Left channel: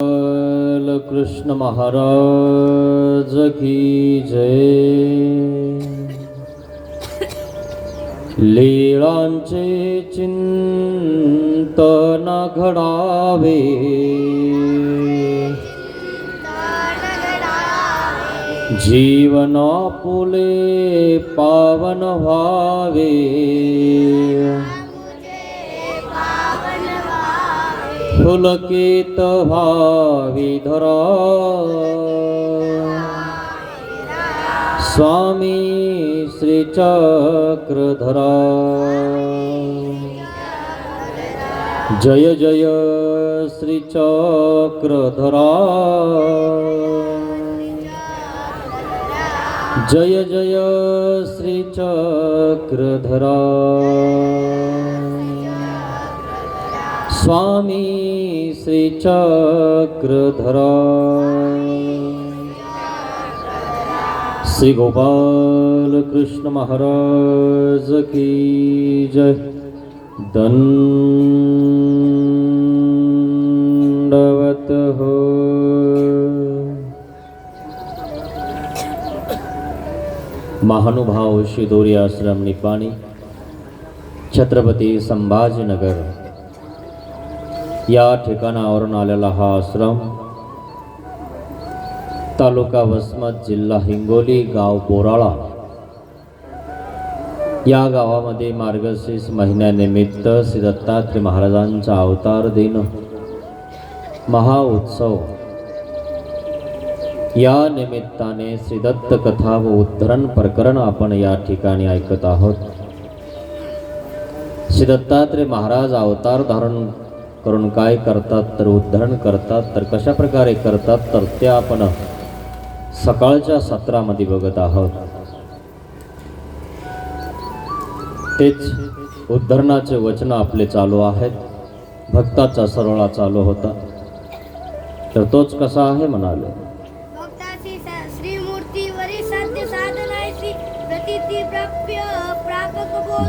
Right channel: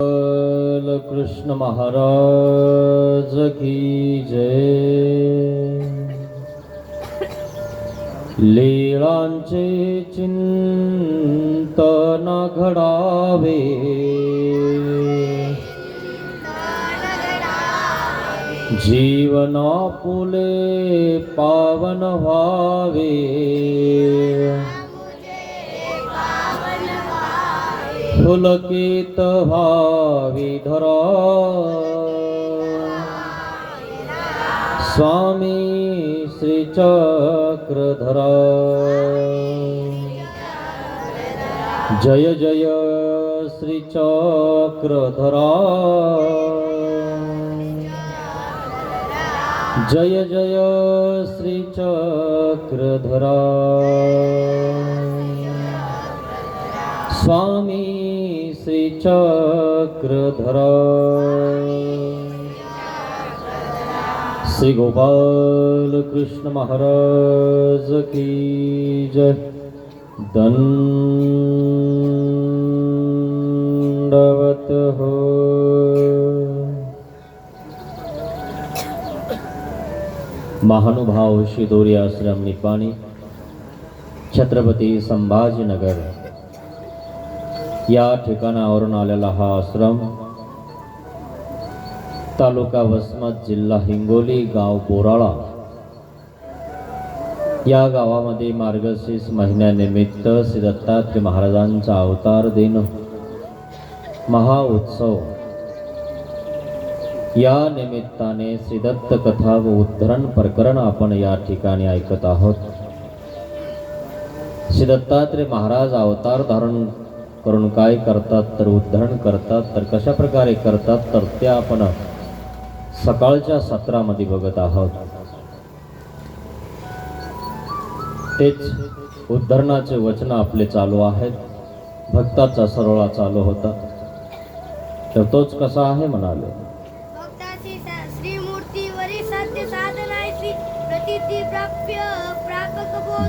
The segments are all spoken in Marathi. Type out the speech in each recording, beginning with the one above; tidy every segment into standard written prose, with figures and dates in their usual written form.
कृष्ण महाराज की जय। लीळांचे चिंतन घडावे, जीवन आपुले पावन व्हावे, पुलकित भावी धरा स्वामी श्री चक्रधरा। जय जय श्री चक्रधरा, जय जय श्री चक्रधरा। स्वामी श्री चक्रधरा। श्री गोपाल कृष्ण महाराज की जय। दंडवत हो। महानुभाव शिदोरी आश्रम निपाणी, छत्रपती संभाजीनगर या ठिकाणावरून आलेला हा आश्रम तालुका वसमत, जिल्हा हिंगोली, गाव बोराळा या गावामध्ये मार्गशीर्ष महिन्यानिमित्त श्री दत्तात्रय महाराजांचा अवतार दिन महाउत्सव या निमित्ताने श्री दत्त कथा व उद्धरण प्रकरण आपण या ठिकाणी ऐकत आहोत। श्री दत्तात्रय महाराज अवतार धारण करून काय करतात, तर उद्धरण करतात, तर कशा प्रकारे करतात, तर ते आपण सकाळच्या सत्रामध्ये बघत आहोत। तेच उद्धरणाचे वचन आपले चालू आहेत। भक्ताचा सरळा चालू होता, तर तोच कसा आहे म्हणाले।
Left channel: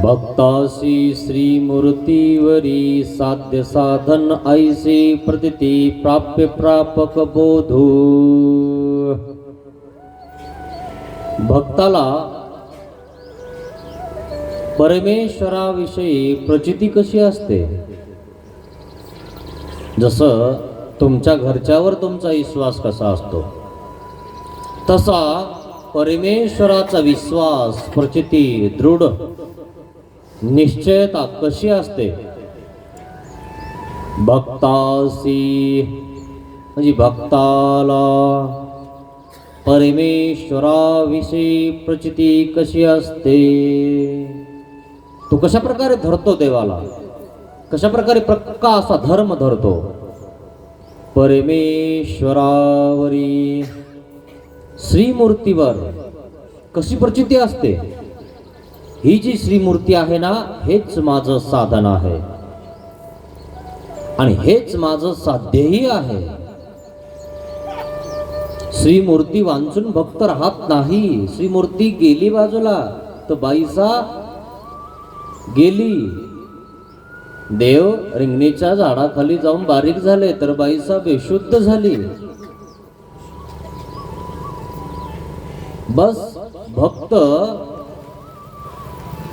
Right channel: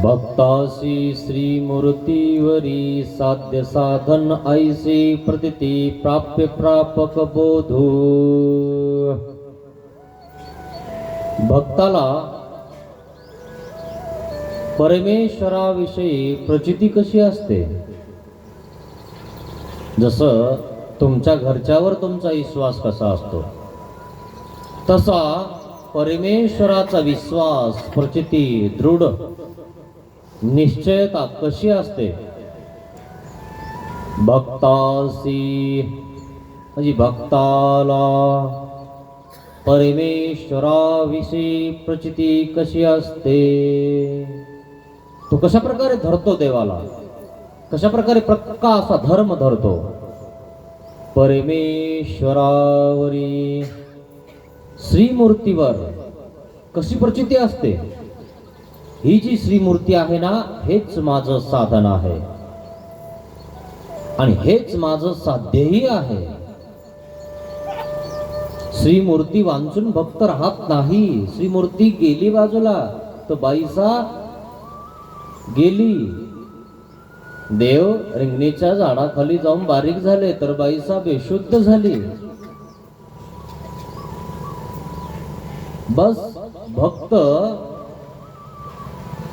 भक्तासी श्री मूर्तीवरी साध्य साधन ऐसे प्रतीती प्राप्य प्रापक बोधू। भक्ताला परमेश्वराविषयी प्रचिती कशी असते, जसं तुमच्या घरच्यावर तुमचा विश्वास कसा असतो, तसा परमेश्वराचा विश्वास, प्रचिती, दृढ निश्चयता कशी असते। भक्तासी म्हणजे भक्ताला परमेश्वराविषयी प्रचिती कशी असते, तो कशा प्रकारे धरतो देवाला, कशा प्रकारे पक्का असा धर्म धरतो। परमेश्वरावरी श्रीमूर्तीवर कशी प्रचिती असते, ही जी श्रीमूर्ती आहे ना, हेच माझं साधन आहे आणि हेच माझं साध्यही आहे। श्रीमूर्ती वांचून भक्त राहत नाही। श्रीमूर्ती गेली बाजूला तर बाईसा गेली। देव रिंगणीच्या झाडाखाली जाऊन बारीक झाले तर बाईसा बेशुद्ध झाली। बस भक्त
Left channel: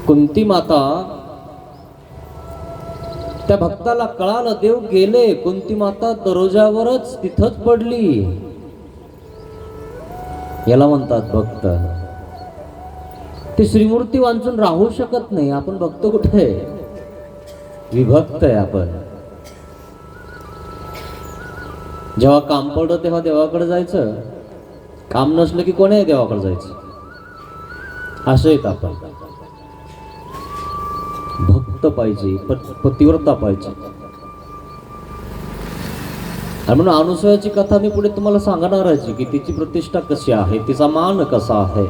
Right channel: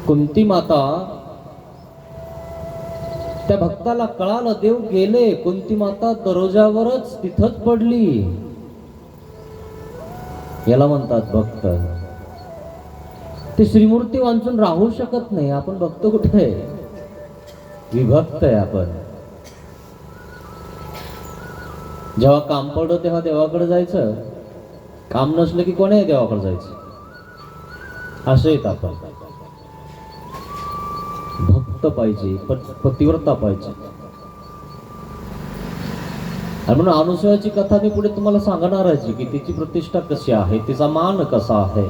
कुंती माता, त्या भक्ताला कळालं देव गेले, कुंती माता दरोजावरच तिथंच पडली। याला म्हणतात भक्त। ते श्रीमूर्ती वांचून राहू शकत नाही। आपण भक्त कुठे आहे, विभक्त आहे आपण। जेव्हा काम पडलं तेव्हा देवाकडे जायचं, काम नसलं की कोणी देवाकडे जायचं, असं येत आपण। भक्त पाहिजे, पतिव्रता पाहिजे। आणि म्हणून अनुसूयाची कथा मी पुढे तुम्हाला सांगणार आहे की तिची प्रतिष्ठा कशी आहे, तिचा मान कसा आहे।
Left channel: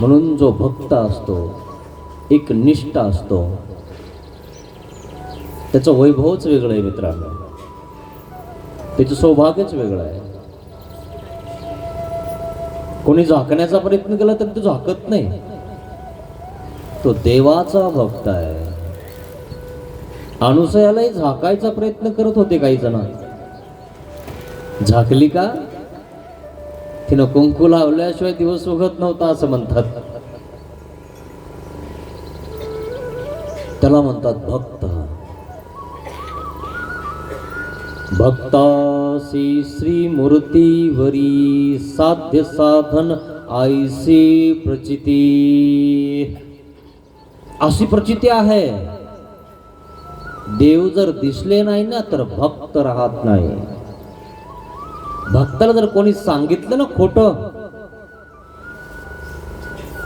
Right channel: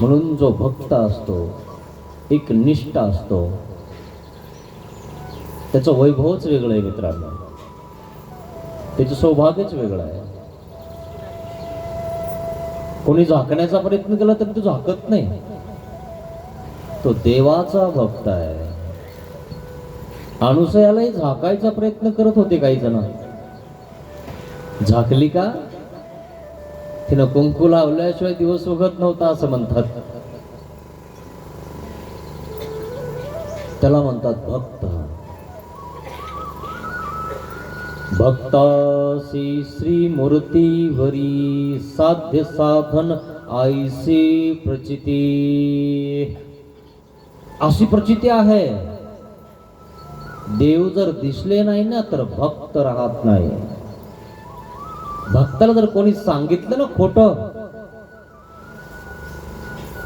म्हणून जो भक्त असतो, एक निष्ठा असतो, त्याचं वैभवच वेगळं आहे मित्रांनो, त्याचं सौभाग्यच वेगळं आहे। कोणी झाकण्याचा प्रयत्न केला तर तो झाकत नाही, तो देवाचा भक्त आहे। अनुसयालाही झाकायचा प्रयत्न करत होते काही जण. झाकली का? तिनं कुंकू लावल्याशिवाय दिवस उगत नव्हता असं म्हणतात. त्याला म्हणतात भक्त. भक्तासी श्री मूर्तीवरी साध्य साधन आईसी प्रचिती. अशी प्रचिती आहे, देव जर दिसले नाही ना तर भक्त राहत नाही. भक्ताला जर कोणी सांगितलं ना खोटं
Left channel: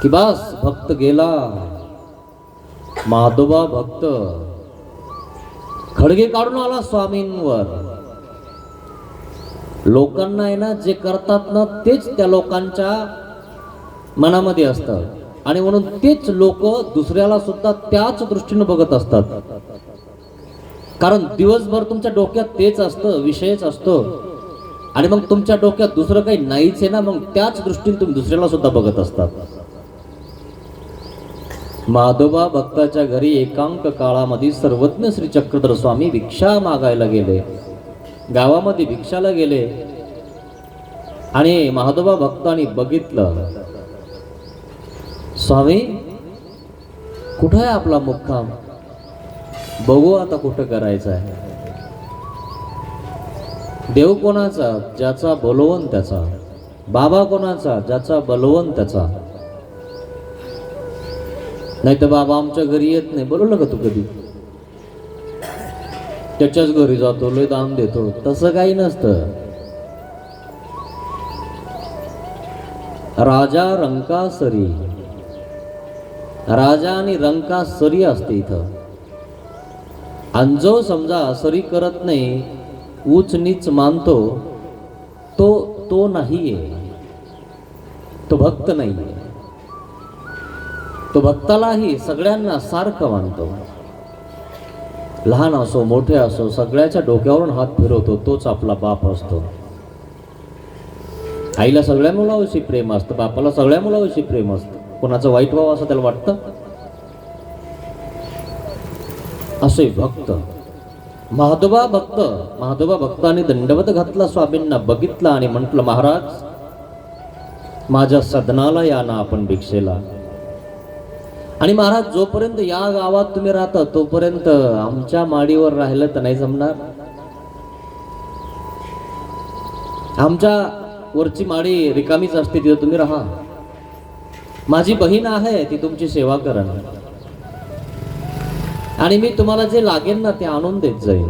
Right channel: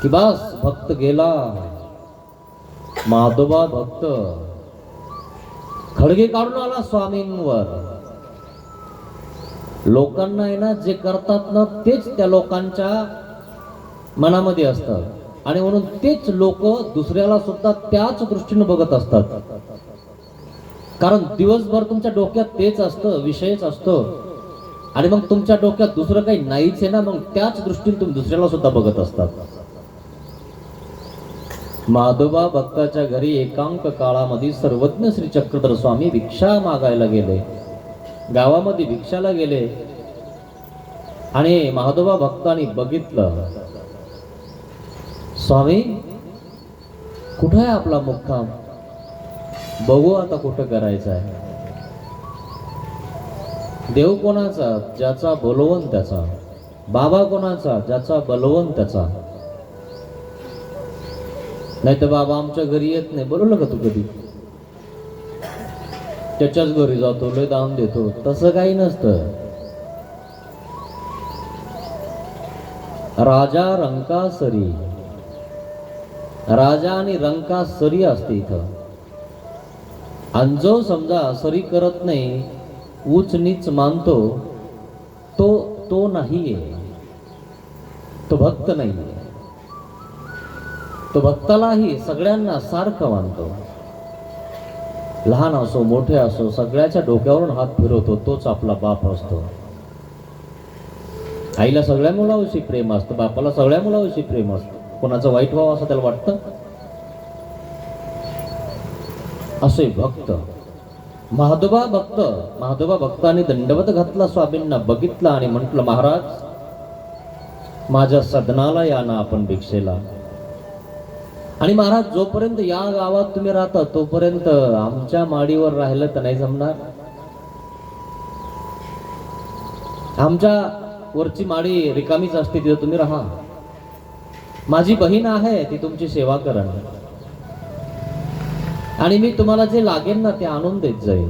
की बस भक्त गेला. माधोबा भक्त खडगे काढून आला स्वामींवर. लोकांना आहे ना जे करतात ना तेच त्या लोकांच्या मनामध्ये असतं आणि म्हणून तेच लोक दुसऱ्याला सुद्धा त्याच दृष्टीने बघत असतात. कारण दिवसभर तुमच्या डोक्यात तेच असतं, विषयच असतो आणि मग तुमच्या डोक्यात दुसरं काही नाहीच आहे ना, मग त्याच दृष्टीने तुम्ही दुसऱ्याला सुद्धा बघत असतात. माधोबा भक्ताच्या घरी एकांक काळामध्ये सर्वज्ञ श्री चक्रधर स्वामी भिक्षा मागायला गेले. गावामध्ये भिक्षाला गेले आणि माधोबा भक्तांनी बघितलं, स्वामी कुठं आहे आपला मुक्काम, बघू आता कुठं करायचं आहे. देव कोणाचा? ज्याचा बलवंत त्याचा. बाबा कोणाचा? ज्याचा बलवंत त्याचा. नाही तर बाबा आमच्या घरी येत नाही. बोलवलं का तू कधी? त्याच्याच घरी जातो, लय दान देतो. तसं काही नसतं. राजा रंकासरी, राजा आणि रंकासरी असते इथं. आणि जो समजा सरी करत नाही, उच नीच मानतो, तो नाहीये, तो भक्त नाहीये. तो भक्तालाही सगळ्यांना सारखं मानतो. लहान असो मोठे असो सगळ्याच्या डोक्यावरून हात फिरवतो. तोच आपला बाप असतो. आईला सगळ्या मुलाविषयी प्रेम असतं, बापाला सगळ्या मुलाविषयी प्रेम असतं. कोणाचं वाईट व्हावं असं त्याला वाटतं. असे भक्त महादोबा भक्त. महादोबा भक्ताने दंडवत घातला स्वामींना, बघितला आणि म्हटलं, महाराज माझ्या सदनाला या ना आपण भिक्षेला. आणि महाराज जोपर्यंत या गावात तुम्ही राहता तोपर्यंत आमच्या माडीवर राहिलं तर नाही जमणार. आमच्या वरची माडी रिकामीच असते, तिथं तुम्ही राहा. माझी बहीण आहे, ती तुमची सेवा करण आणि मी तुम्हाला जे लागेल ना ते आणून देत जाईल.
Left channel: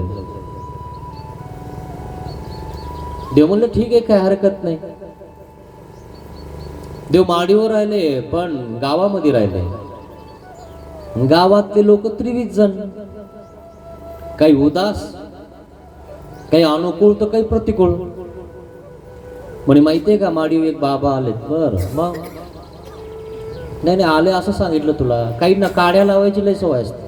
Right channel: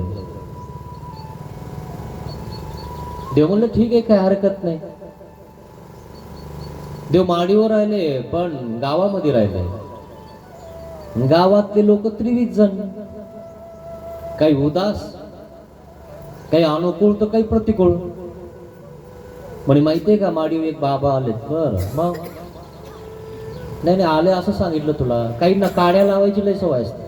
देव म्हणले ठीक आहे, काय हरकत नाही. देव माडीवर राहिले पण गावामध्ये राहिले. गावातले लोक 23 जण, काही उदास, काही अनुकूल तर काही प्रतिकूल. म्हणे माहितीये का माडीवर एक बाबा आलेत. बर मग? नाही आले असं सांगितलं तुला. काही ना काड्या लावायची लय सवय असते.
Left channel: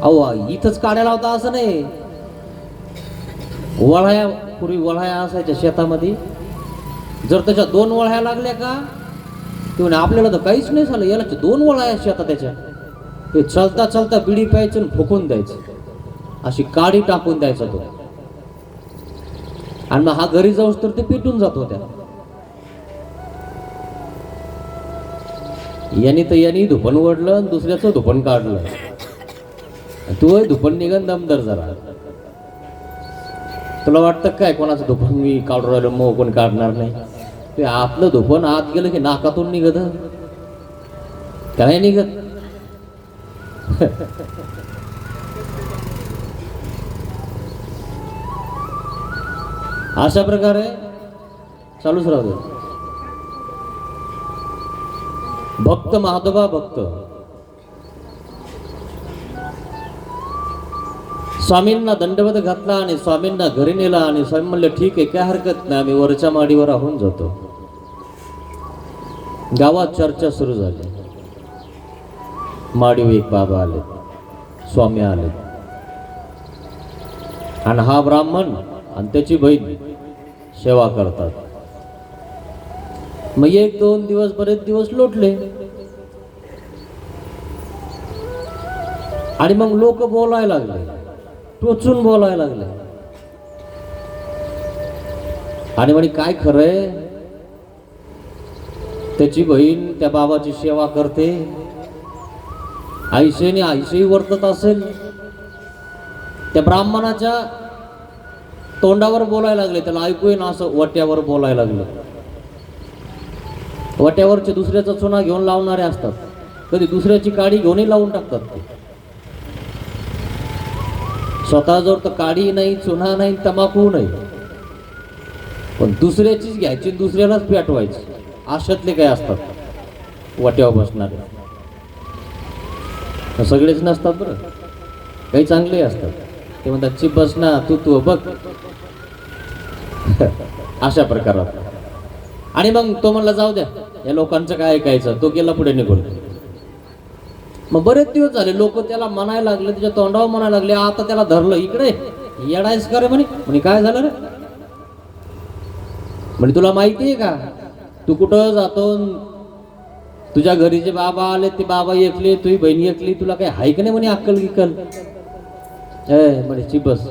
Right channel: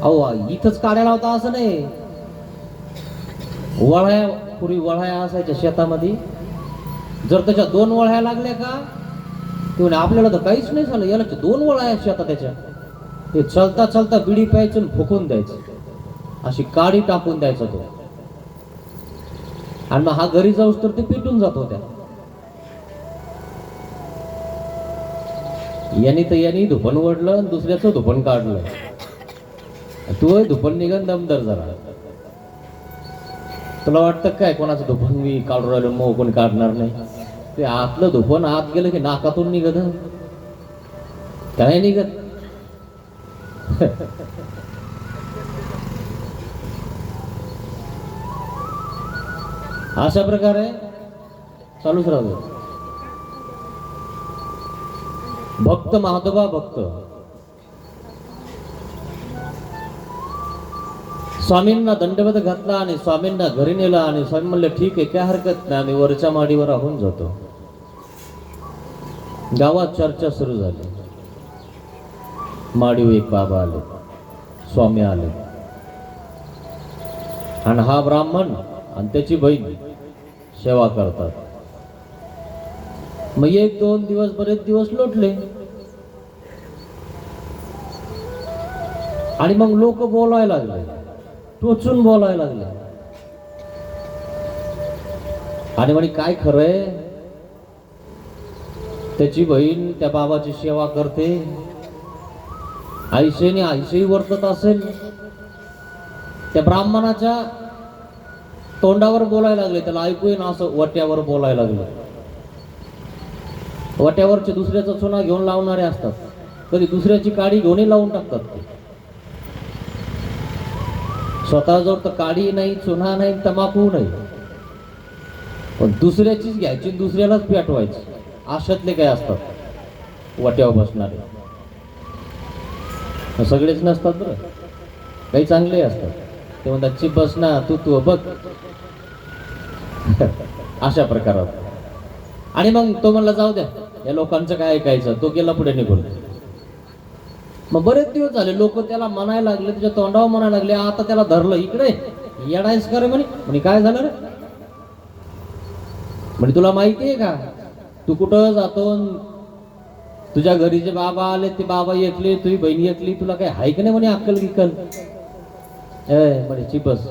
अहो इथंच काड्या लावता असं नाही. वळ्या, पूर्वी वळ्या असायच्या शेतामध्ये. जर त्याच्या 2 वळ्या लागल्या का ते म्हणे आपल्याला तर काहीच नाही झालं, याला 2 वळ्या शेतात त्याच्या. ते चलता चलता बिडी प्यायचं फुकून द्यायचं, अशी काडी टाकून द्यायचा तो. आणि हा घरी जाऊस तर ते पेटून जात होत्या. यांनी धुपण ओढलं, दुसऱ्याचं धुपण काढलं. तू धुपण निघन दमदार जरा. तुला वाटतं काय कोणाचं धुपण मी काढून राहिलो, मग कोण काढणार नाही. ते आतलं धुपण आत गेलं की नाकातून निघत, काय निघत. अशा प्रकारे चालूच राहतो. भक्त महादोबा भक्त स्वामींना दंडवत घातला आणि स्वामींना घरी नेला. आणि स्वामी म्हणले ठीक आहे, काय हरकत नाही, आम्ही वरच्या माडीवर राहून जातो. गावात चर्चा सुरू झाली. माडीवर एक बाबा आले, स्वामी आले आणि हा ब्राह्मण आणि त्याची बहीण सेवा करतात. मग 1-2 दिवस बरेच दिवस लोटले. आणि मग लोक बोलायला लागले, टोचून बोलायला लागले. आणि म्हणे काय खरंय, त्याची बहीण त्या बाबाची सेवा करते, आईशेने आईशेही वर्तत असेल. त्या ब्राह्मणाच्या तोंडावर बोलायला लागले, त्याला ऐकू येईना असं वट्यावर बोलायला लागले. वट्यावरचे दुसऱ्याचा चुना घेऊन लावणारे असतात, कधी दुसऱ्याची काडी घेऊनही लावून टाकतात ते. स्वतःजवळ तर काडी नाही, चुना नाही, तंबाखू नाही, पण दुसऱ्याचीच घ्यायची, दुसऱ्यालाच पेटवायची. अशातले काय असतात वट्यावर बसणारे. सगळेच नसतात बरं, काही चांगले असतात. ते म्हणतात चिप बस ना, तू बघ. अशा प्रकारात. आणि मग तो म्हणला जाऊ द्या, या लोकांचं काय ऐकायचं. तो गेला पुढे निघून. मग बरेच दिवस झाले लोक त्याला म्हणायला लागले, त्याच्या तोंडावर म्हणायला लागले. आता त्याला धरलं, इकडे येडायच का रे म्हणे. काय झालं रे म्हणे, तुला माहितीये का तू कुठं जातो, तुझ्या घरी जे बाबा आले ते बाबा एकले, तुझी बहिणी एकली, तुला काय हाय का नाही म्हणे अक्कल गिक्कल. म्हणे चिपस,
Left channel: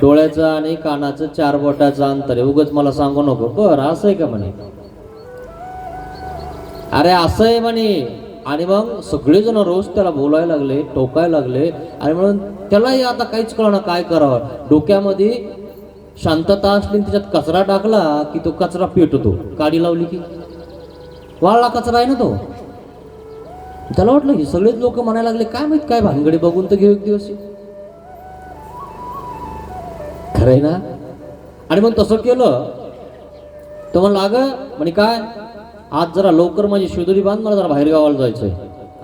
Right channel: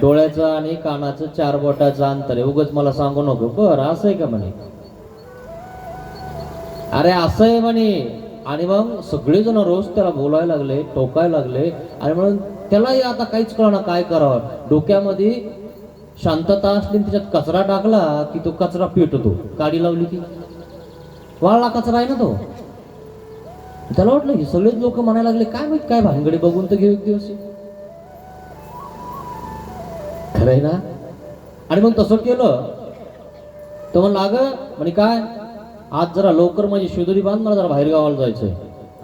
डोळ्याचं आणि कानाचं 4 बोटाचं अंतर आहे, उगाच मला सांगू नको. बरं असं आहे का म्हणे. अरे असं आहे म्हणे. आणि मग सगळेजण रोज त्याला बोलायला लागले, टोकायला लागले. आणि म्हणून त्यालाही आता काहीच कळणार काय करावं. डोक्यामध्ये शांतता असली, त्याच्यात कचरा टाकला की तो कचरा पेटतो, काडी लावली की वाळला कचरा आहे ना तो. त्याला वाटलं की सगळेच लोक म्हणायला लागले, काय माहित काय भानगडी, बघून तर घेऊ एक दिवस. खरंय ना. आणि मग तसं केलं. तो म्हणला अगं म्हणे काय, आज जरा लवकर माझी शेदुरी बांध, मला जरा बाहेर गावाला जायचंय,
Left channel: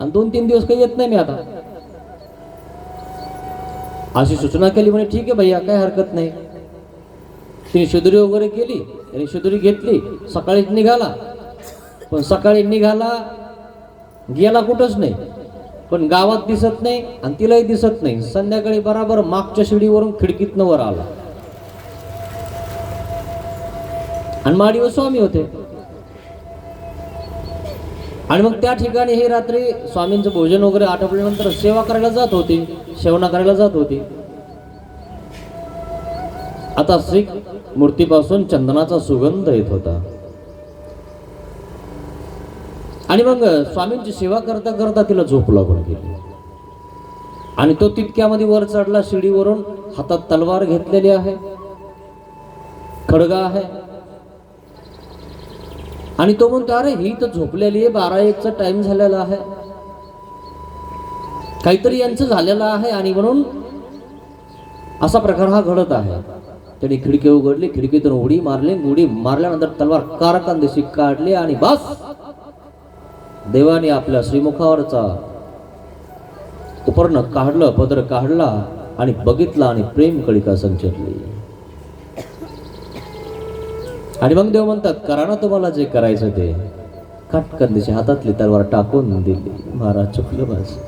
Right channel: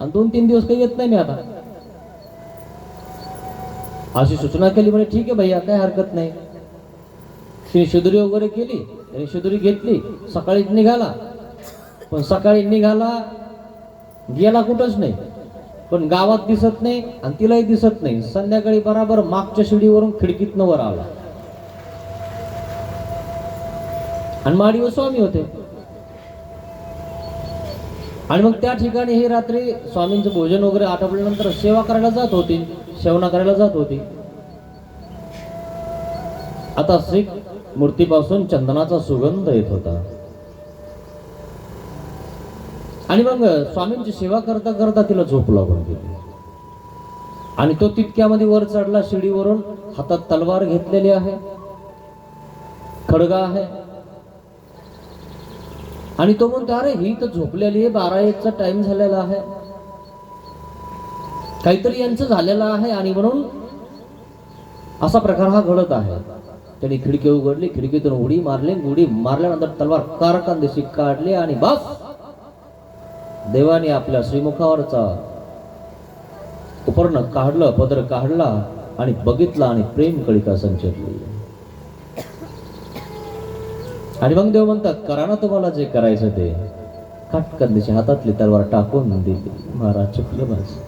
आणि 2-3 दिवस काही येत नाही मी आता. अशी सूचना केली. म्हणे ठीक आहे भैया, काय हरकत नाही. तिने शेदुरी वगैरे केली, आणि शेदुरी घेतली, सकाळीच निघाला. पण सकाळी निघाला, गेला कुठंच नाही, पण गावात दिसत नाही आणि तिलाही दिसत नाही. संध्याकाळी बराबर मागच्या शिडीवरून खिडकीतनं वर आला. आणि माडीवर स्वामी होते. आणि मग त्या ठिकाणी हे रात्री स्वामींचं भोजन वगैरे आटोपल्यानंतर सेवा करायला जात होती, सेवना करायला जात होती. आता श्री मूर्तीपासून चंदनाचा सुगंध येत होता. आणि मग स्वामींची सेवा करता करता तिला झोप लागून गेली. आणि तो तितक्यामध्ये वर चढला शिडीवरून, हातात तलवार घेतलेली आहे, खडगा आहे. आणि तो म्हणतो अरे ही तर झोपलेली आहे, 12-1चा टाइम झालेला आहे, काहीतरी यांचं झालेलं आहे. आणि म्हणून असा प्रकार हा घडत आहे. त्याने खिडकी उघडली, खिडकीतून उडी मारली, उडी मारल्यानंतर तलवार कारकांदिशी काढली. आणि बस देवाने आपल्या श्रीमुखावरचा उपर्ण काढलं, पदर काढला आणि बघितला, आणि प्रेम कळिका संचरली. आणि मग देव म्हणतात करा ना तुम्हाला जे करायचं ते. काटकंदिशी हातातली तलवार टाकून दिली. महाराज चुकलं माझं.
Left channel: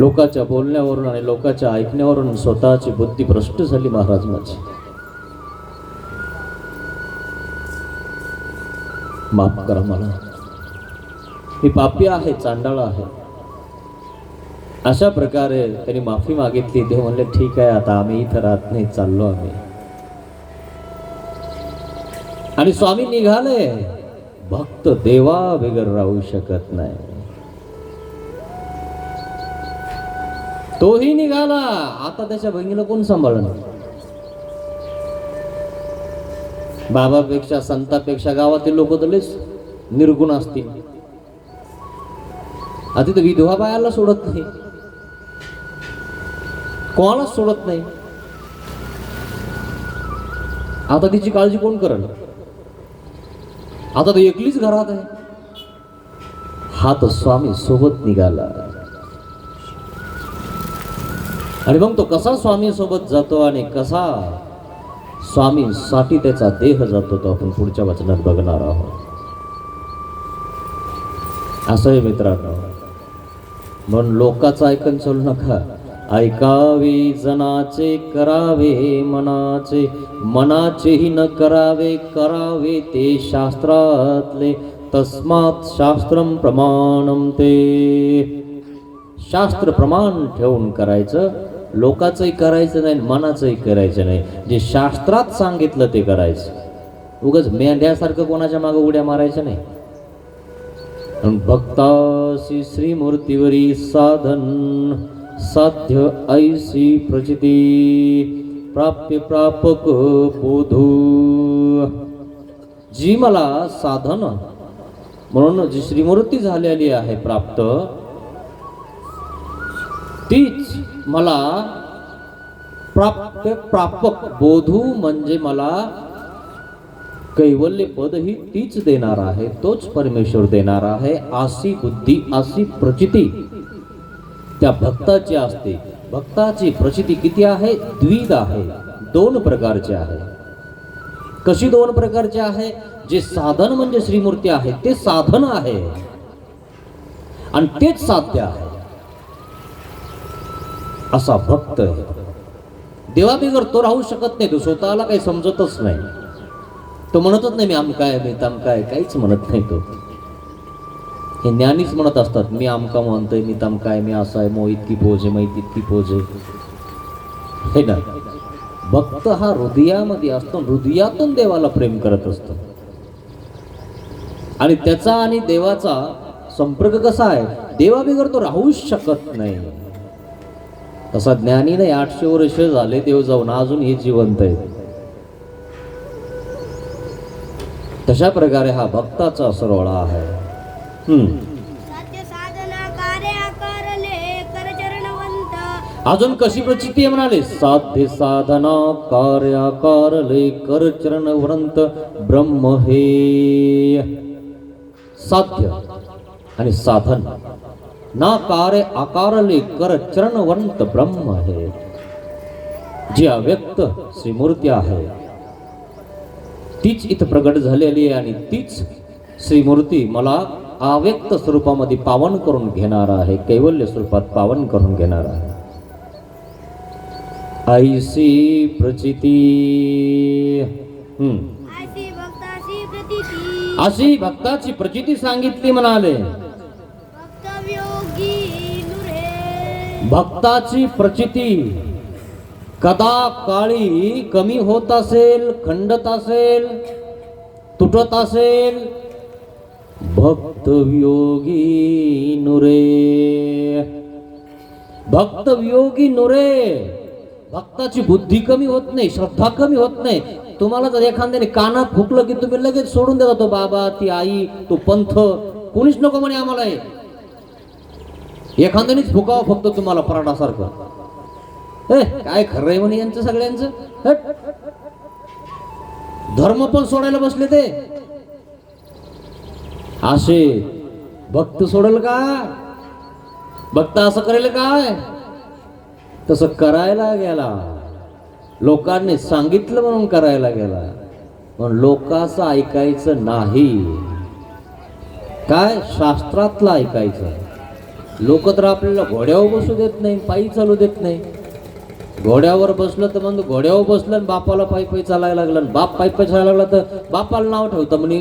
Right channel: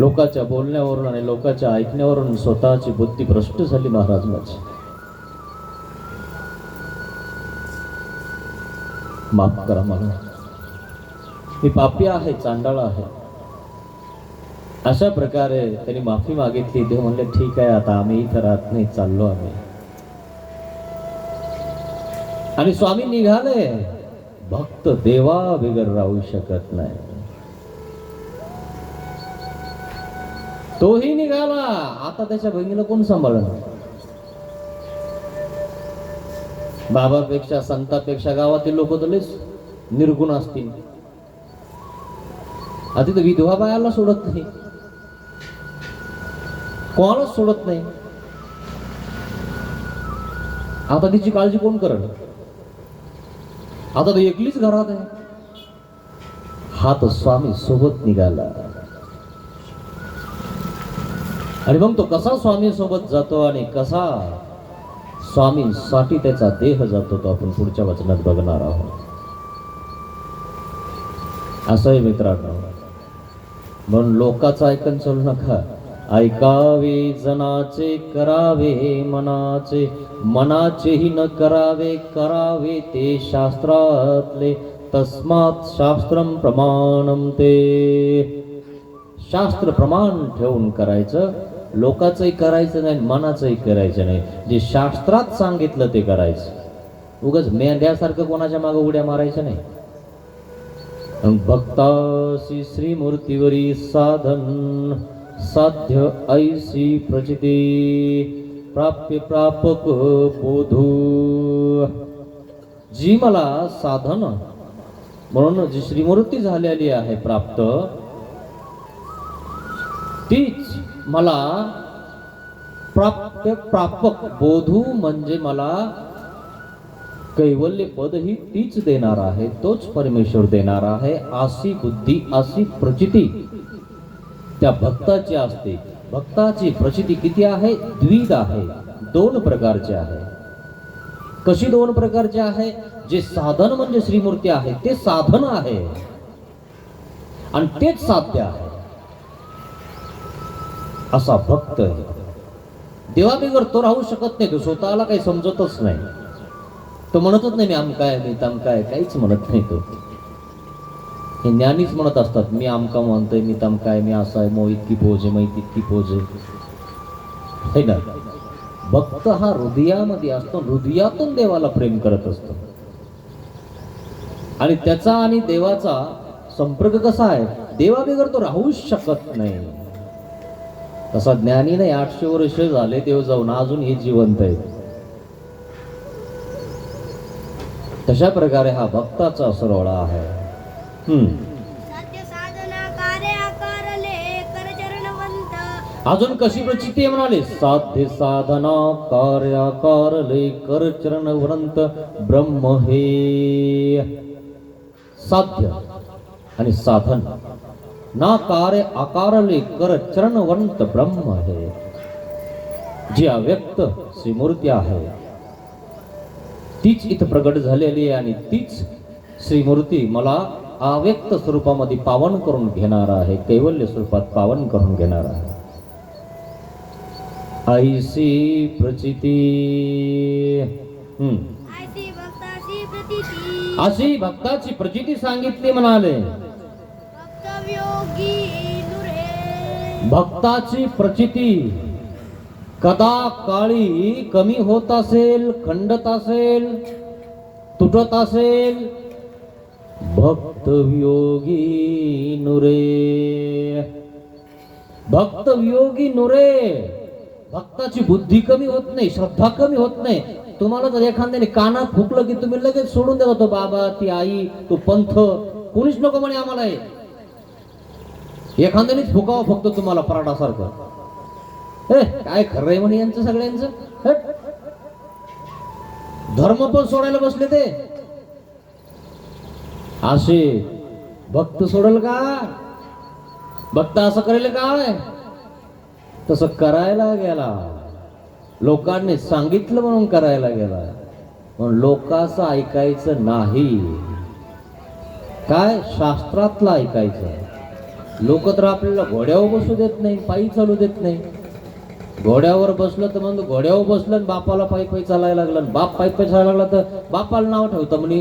लोकांच्या बोलण्यावरून आणि लोकांच्या ऐकण्यावरून स्वतःची बुद्धी भ्रष्ट झाली महाराज माझी. माफ करा मला, मी पापी आहे, चांडाळ आहे. अशा प्रकारे त्यांनी माफी मागितली. देव म्हणले ठीक आहे, आता आम्ही इथं राहत नाही, चाललो आम्ही. आणि स्वामी निघाले. भक्त देवा बिगर राहू शकत नाही. तोही निघाला. आता त्याच्या बहिणीला कोण सांभाळणार. बाबापेक्षा संतापेक्षा गावातील लोक तलेच निर्गुण असतील. आधी तर विधवा बायाला सोडत नाही, कोणालाच सोडत नाही. आता तिची काळजी कोण करल. आता तर एकलीच घरात आहे. हा तर स्वामी सोबत निघाला. आणि मग तो कसा स्वामी सोबत जातो आणि कसा स्वामींसाठी त्याचा देह जातो तो आपण पुढच्या वचनात बघणार आहोत. असं आहे मित्रांनो. म्हणून लोकांचं ऐकून चालू नका. ऐकावे जनाचे, करावे मनाचे, मनाचेही न करावे, करावे ते शास्त्रातले. तस्मात् शास्त्रम प्रमाणम ते. शास्त्र प्रमाण ठेवून करायचं, लोकांचंही करायचं नाही, मनाचंही करायचं नाही. जे शास्त्रात सांगितलं ते करायचं. उगाच मेंढ्यासारखं कोणाच्या मागे उड्या मारायचं नाही. भक्तासी श्रीमूर्तीवरी साधन साध्य ऐसी प्रचिती प्राप्य प्रापक बोधू. जी मला साधन म्हणून जी श्रीमूर्ती झालेली आहे प्राप्त, तीच मला प्राप्य प्रापक बोधू म्हणजे मला कैवल्य पद ही तीच देणार आहे, तोच परमेश्वर देणार आहे. अशी बुद्धी अशी प्रचिती त्या भक्ताची असते. भक्ताची प्रचिती किती आहे? द्विध आहे, दोन प्रकारचे आहे. कशी दोन प्रकारचे आहे? जे साधन म्हणजे श्रीमूर्ती आहे ते साधन आहे आणि तेच साध्य आहे असा भक्त आहे. देवाबिगर तो राहू शकत नाही. तो स्वतःला काही समजतच नाही. तो म्हणतच नाही मी आमका आहे, मी तमका आहे, काहीच म्हणत नाही. तो हे ज्ञानीच म्हणत असतात, मी आमका म्हणतोय, मी तमका आहे, मी असा आहे, मो इतकी पोज आहे, मी तितकी पोज आहे, हे ना. भक्त हा हृदयामध्ये असतो, हृदयातून देवाला प्रेम करत असतो. आणि त्याचा आणि देवाचा संपर्क कसा आहे? देवाबिगर तो राहूच शकत नाही. तसा ज्ञानी नाही. 800 वर्ष झाले देव जाऊन, अजून हे जिवंत आहे. तशा प्रकारे हा भक्ताचा सरवळा आहे. अजून कशी प्रचिती आहे म्हणाले? साध्य साधना कार्याकारले कर चरणवंत ब्रह्म हे. साध्य आणि साधन ना कार्य आकारले कर चरणवंत ब्रह्म हे. जी अव्यक्त श्रीमूर्ती आहे तीच इथं प्रगट झालेली आहे आणि तीच श्रीमूर्ती मला अव्यक्त स्वरूपामध्ये पावन करून घेणार आहे, कैवल्य स्वरूपात पावन करून घेणार आहे. ऐसी प्रचिती. अशी भक्ताची प्रचिती सांगितली म्हणाले. भक्ताची प्रचिती कदा काळी कमी होत असेल, खंडत असेल, तुटत असेल, भक्त वियोगी नुरे. भक्त वियोगी नुरे. भक्ताची बुद्धी कमी होत नाही, श्रद्धा कमी होत नाही. तुम्हाला जर एखाद्याने कानात फुकलं की तुम्ही लगेच सोडून देता. तो बाबा, ती आई, तो पंथ, कोणीच नको म्हणे आम्हाला. एखाद्यानेच फुकावं फक्त तुम्हाला पराडासारखं. काय खरं आहे म्हणे यांचं सगळ्यांचं. धर्म पण सोडायला बसले ते. असे भक्त सोडल का? भक्त असं करेल काय? तसं करायला गेला, लोकांनी सांगितलं म्हणून करायला गेला, पण लोकांचं ऐकायचं नाही. काय? शास्त्रातलं ऐकायचं. लोक तर आपल्याला घोड्यावर बसू देत नाही, पायी चालू देत नाही. घोड्यावर बसलं तर म्हणजे घोड्यावर बसलं, बापाला पायी पायी चालायला लागलं. बाप पायी पायी चालायला लागला तर बापाला नाव ठेवतं म्हणे,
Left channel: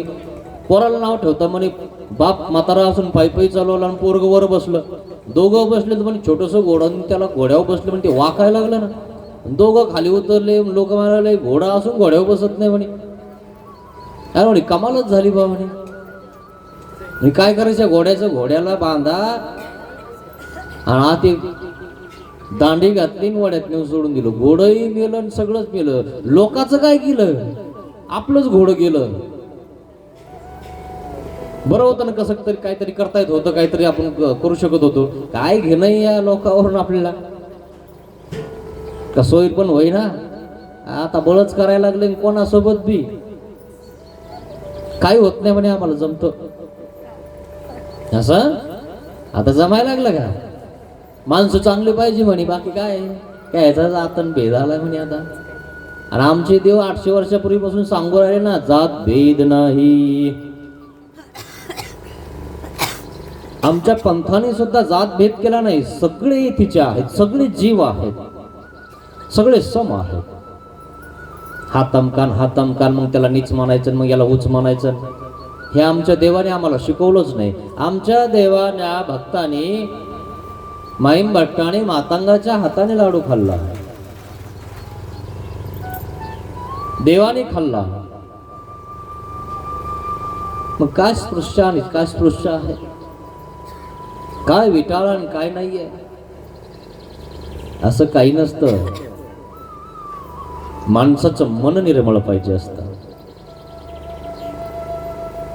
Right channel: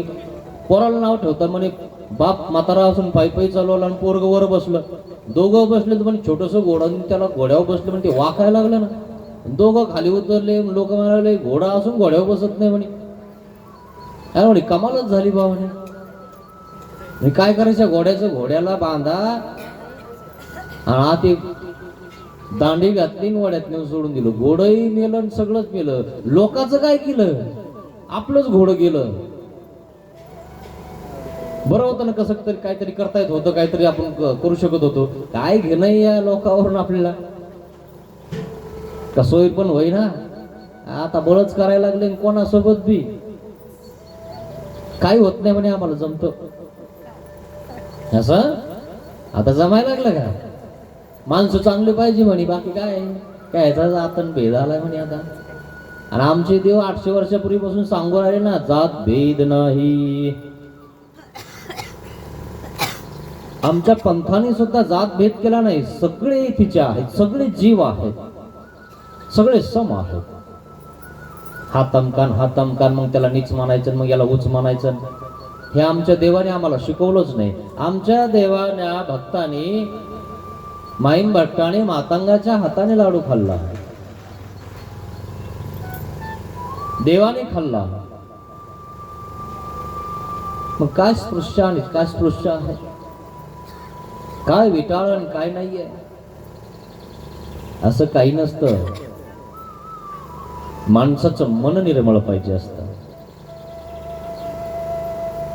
पोराला नाव ठेवतं म्हणे. बाप म्हातारा असून पायी पायी चालवला आणि पोरग वर बसलं. दोघं बसले तर म्हणे छोटंसं घोडं, त्याला घोड्यावर बसलं म्हणजे ते वाकायला लागलं ना. दोघं खाली उतरले. लोक म्हणाले घोडा असून घोड्यावर बसत नाही म्हणे. काय म्हणे कमालच झाली बा म्हणे. काय करायचं? घोड्याला बांधा आणि आत एक दांडी घातली, घोड्यात नेऊन सोडून दिलं. घोडंही मेलं आणि सगळंच मेलं. लोकांचं काय केलं? आपलंच घोडं गेलं. बरं होतं ना, कसं तरी काहीतरी करता येत होतं, काहीतरी आपण करू शकत होतो. काय घेणं या लोकांवरून आपल्याला? कसं होईल पण होई ना. आता बळच करायला लागले कोणासोबत बी. काही होत नाही म्हणे, आम्हाला जमतं असं. आता जमायला लागलं का? माणसं चांगली पाहिजे म्हणे, बाकी काय याचा आतन भेद आला म्हणे आता. आणि आमचे देव 800 वर्षापूर्वीपासून सांगून आले ना, जात भेद नाही. आमच्या पंथाने सुद्धा जात भेद केला नाही. सगळे तिचे आहेत, सगळे जीव आहेत, सगळे सम आहेत. हा तमकान, हा तमकान, मग त्याला नीच म्हणायचं, मग याला उच म्हणायचं. हे आमच्या देवाने आम्हाला शिकवलंच नाही. आमच्या देवाच्या भक्तांनी माईम भट्टाने मातंगाच्या हाताने लाडू खाल्ला, देवाने खाल्ला. मग काय स्पृश्य आणि काय स्पृश्य आहे, काय विटाळ आणि काय नाहीये, असं काही नसतं. माणसाचं मन निर्मळ पाहिजे असतं.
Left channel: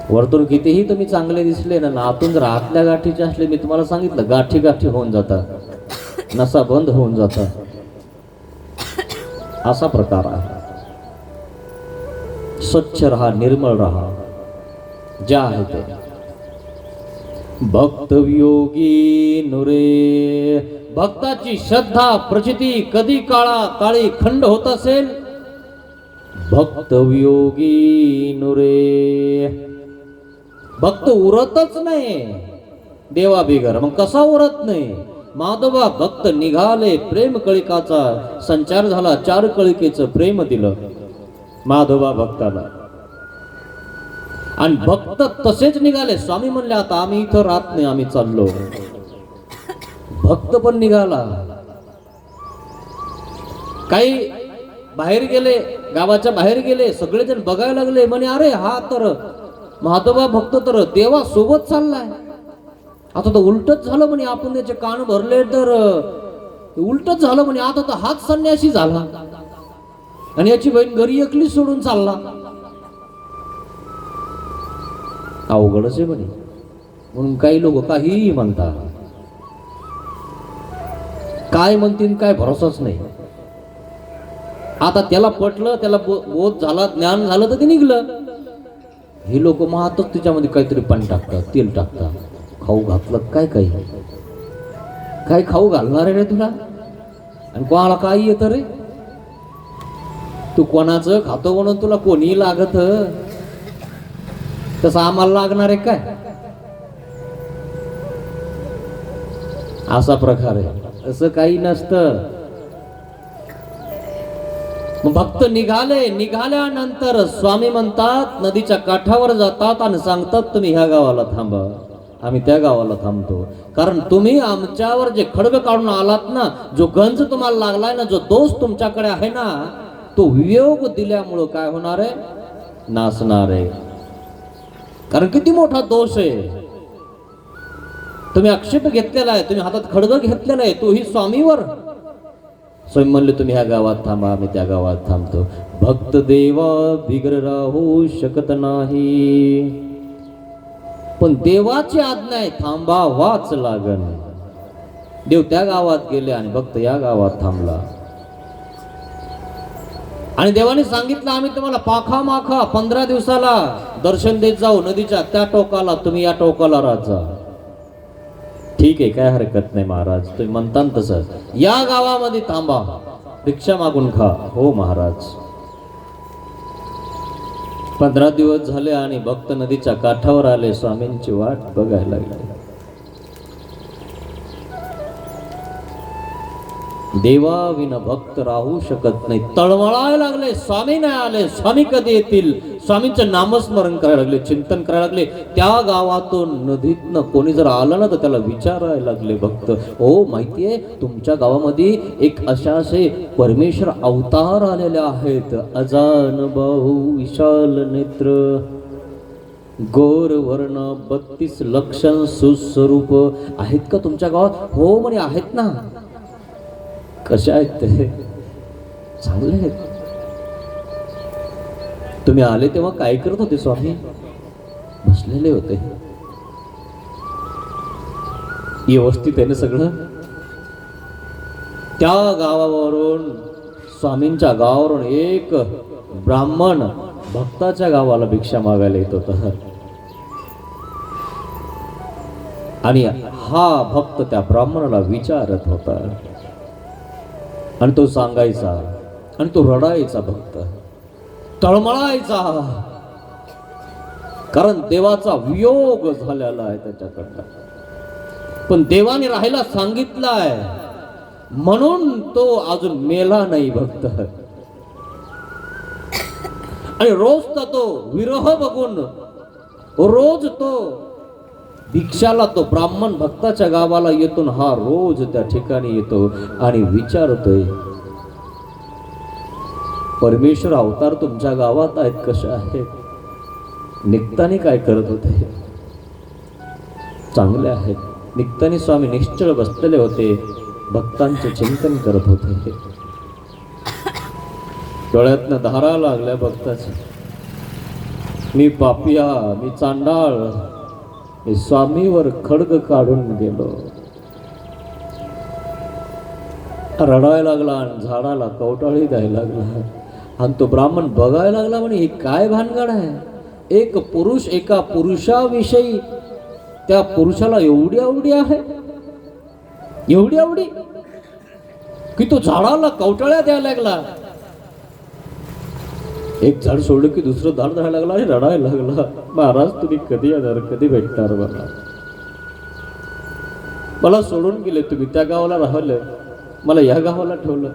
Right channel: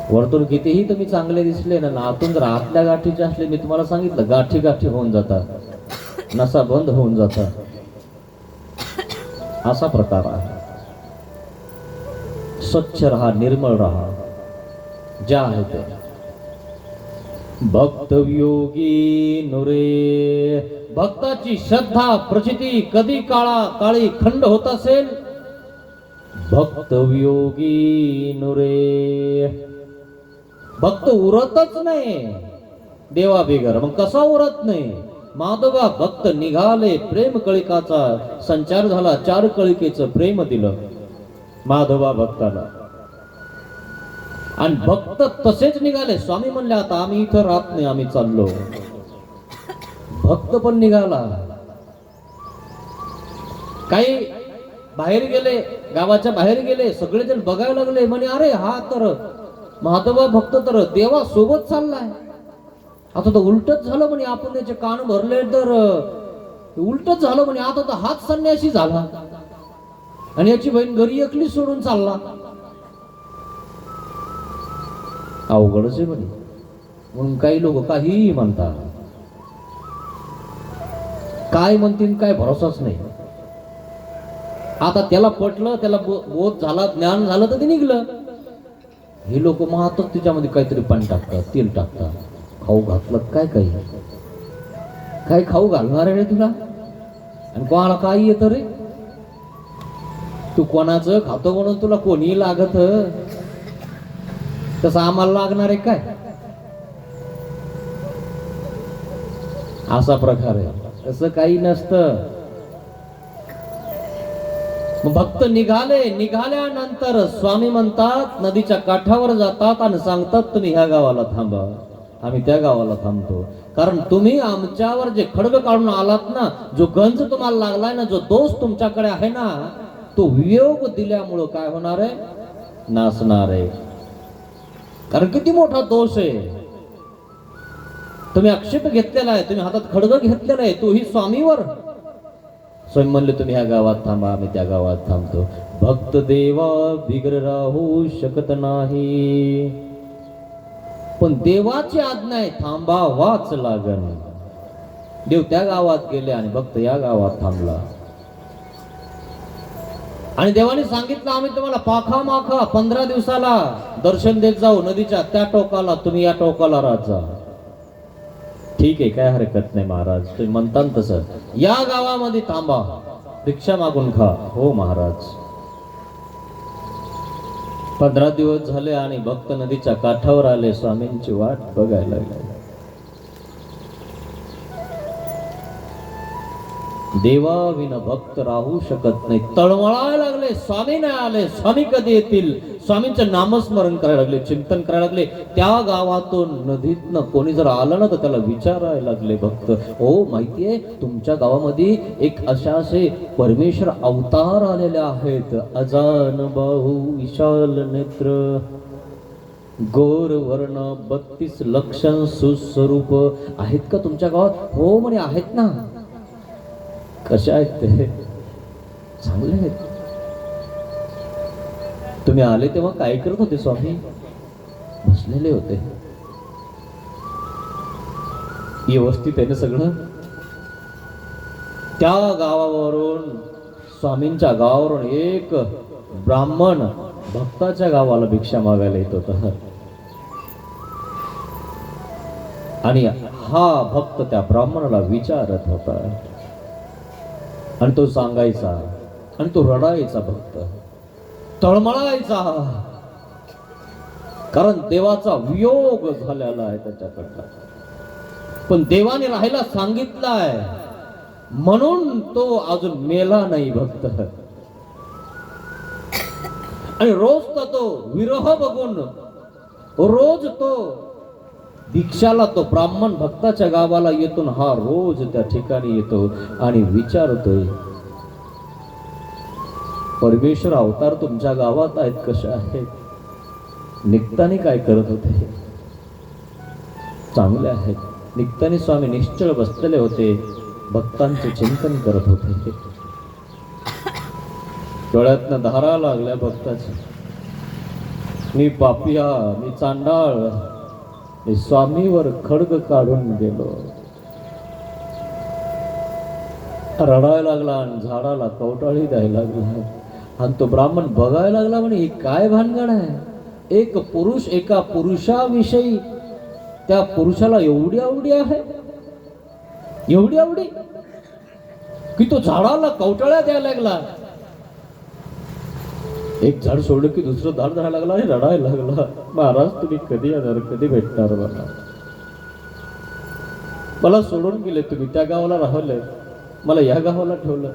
वरतून कितीही तुम्ही चांगले दिसले ना, आतून जर आतल्या गाठीचे असले, मी तुम्हाला सांगितलं गाठी गाठी होऊन जातात, नसा बंद होऊन जातात, असा प्रकार आहे. स्वच्छ रहा, निर्मळ रहा, जे आहे ते. भक्त वियोगी नुरे, भक्ताची श्रद्धा प्रचिती कधी काळी खंड होत असेल, भक्त वियोगी नुरे. भक्त उरतच नाही देवा बिगर. मग कसा उरत नाही? माधवा भक्त निघाले, प्रेम कळिकाचा संचार झाला, 4 कळिकेचं प्रेम दिलं माधवा भक्ताला. आणि भक्त तसेच निघाले. स्वामी म्हणले आता आम्ही इथं राहत नाही, आम्ही चाललो. भक्त पण निघाला. काही बाहेर गेले, गावाच्या बाहेर गेले, सगळेजण बघायला लागले. म्हणे अरे हा तर माधवा भक्त तर देवा सोबत चाललाय. आता तर उलटच झालं म्हणे, आपण त्याचे कान भरले तर उलटच झालं म्हणे. आता तर हाच संन्यासी झाला आणि याची बहीण घरी एकली सोडून चालला. अवघडच आहे म्हणे. म्हणून काही लोक काहीही म्हणतात, काय म्हणतील काय भरोसाच नाही. आता त्याला पटलं, त्याला बोध झाला, ज्ञान झालं तर ते निघलं. हे लोक महातच त्याच्यामध्ये काहीतरी पाणी टाकतात, तेल टाकतात. खाऊ घातलं काय काही, काय खाऊ घालणार आहे रे तुला? आणि कोणाला काय येतं रे? तू कोणाचं खातो म्हणून तुला कोणी लागत, तसं आम्हाला लागणार आहे काय? असा प्रकार आहे. असं काही नसतं. भक्त निघाले. निघाल्यानंतर स्वामी म्हणतात, नदीच्या काठावर जातात आणि सांगतात तुम्ही ह्या गावाला थांबा, आम्ही त्या गावाला थांबतो. कारण तुम्ही आमच्यावर जे खड्ग काढून आलात ना, जो गंज तुम्हाला लागलाय ना, जो दोष तुमच्याकडे आहे ना, तो वियोग दिल्यामुळं काय होणार आहे? नासणार आहे. कारण किती मोठा दोष आहे. तुम्ही आक्षेप घेतलेला आहे, तुम्ही हातात खड्ग घेतलेला आहे, तोही स्वामीवर. स्वयं म्हणले तुम्ही ह्या गावात थांबा, आम्ही त्या गावात थांबतो. भक्त देवा बिगर राहू शकत नाही, पण देवाची आज्ञा आहे, थांबावाच लागन. देव त्या गावात गेले आणि भक्त या गावात थांबला. आणि देवाने सांगितलं आम्ही तुम्हाला पाखा माखा 15 दिवसाला दर्शन देत जाऊ. नदीच्या त्या टोकाला, तुम्ही या टोकाला राहत जा. ठीक आहे, काय हरकत नाही महाराज, तुम्ही म्हणता तसं. या गावामध्ये थांबा, भिक्षा मागून खा. हो महाराज. 15 दिवस झाले आणि भक्त नदीच्या काठावर आले, स्वामींची वाट बघायला लागले. देवा विना भक्त राहू शकत नाही. तळमळायला लागले, स्वामी नाही आले, स्वामी कधी येतील? स्वामींचं नामस्मरण करायला लागले, चिंतन करायला लागले. त्या गावातून नदीतनं कोणी जर आलं ना, तर त्याला विचारायला लागले भक्त, हो माहितीये तुमच्या गावामध्ये एक असे परमेश्वर अवतार आलेले आहेत, अजान बाहू विशाल नेत्र, गोर वर्ण 32 लक्षण सुस्वरूप आहेत का तुमच्या गावात? हो म्हणे आहेत ना. कशा आहेत ते? चांगले आहेत. तुम्ही आले तेव्हा काय करत होते स्वामी? बसलेले होते. व्यवस्थित आहे ना सगळं? त्या गावावरून, स्वामींच्या गावावरून एक ब्राह्मण भक्ताच्या गावाला भिक्षा मागायला येत होता. आणि हा भक्त त्या ब्राह्मणाला विचारत होता आणि तो सांगायचा आणि तो रडायचा, भक्त तळमळायचा, कारण देवाचा वियोग झालेला आहे त्याच्याकडला. पण देवाने राहायला सांगितलंय म्हणून तो अजून मेला नाही भक्त. आणि रोज तर तो विरह बघून रोज तो भिक्षाला तो ब्राह्मण भक्ताच्या गावाला येतो, हा रोज त्या ठिकाणी येतो आणि विचारतोय, परमेश्वर अवतार तुमच्या गावात आहेत, कशा आहेत, निघताना काय करत होते? चांगले आहेत. निघताना स्वामी निश्चळ बसलेले होते, भक्तांचे चिंतन करत होते. डोळ्यातनं धारा लागल्या भक्ताच्या. मी पापिया, मी चांडाळ, मी स्वामीवर खड्ग काढून गेलो. रडायला लागला आणि झाडाला कवटाळी द्यायला लागला. आणि तो ब्राह्मण बघायला लागला, म्हणे ही काय भानगड आहे? एक पुरुष एका पुरुषाविषयी त्या पुरुषाला एवढी आवडी आहे, एवढी आवडी की तो झाडाला कवटाळ्या द्यायला लागला. एक झाड सोडलं की दुसरं झाड धरायला लागला आणि रडायला लागला. महाराज तुम्ही कधी येणार, कधी भेटणार मला? मला सोडून गेले तुम्ही, त्या गावाला राहिलं, मला या गावाला ठेवलं,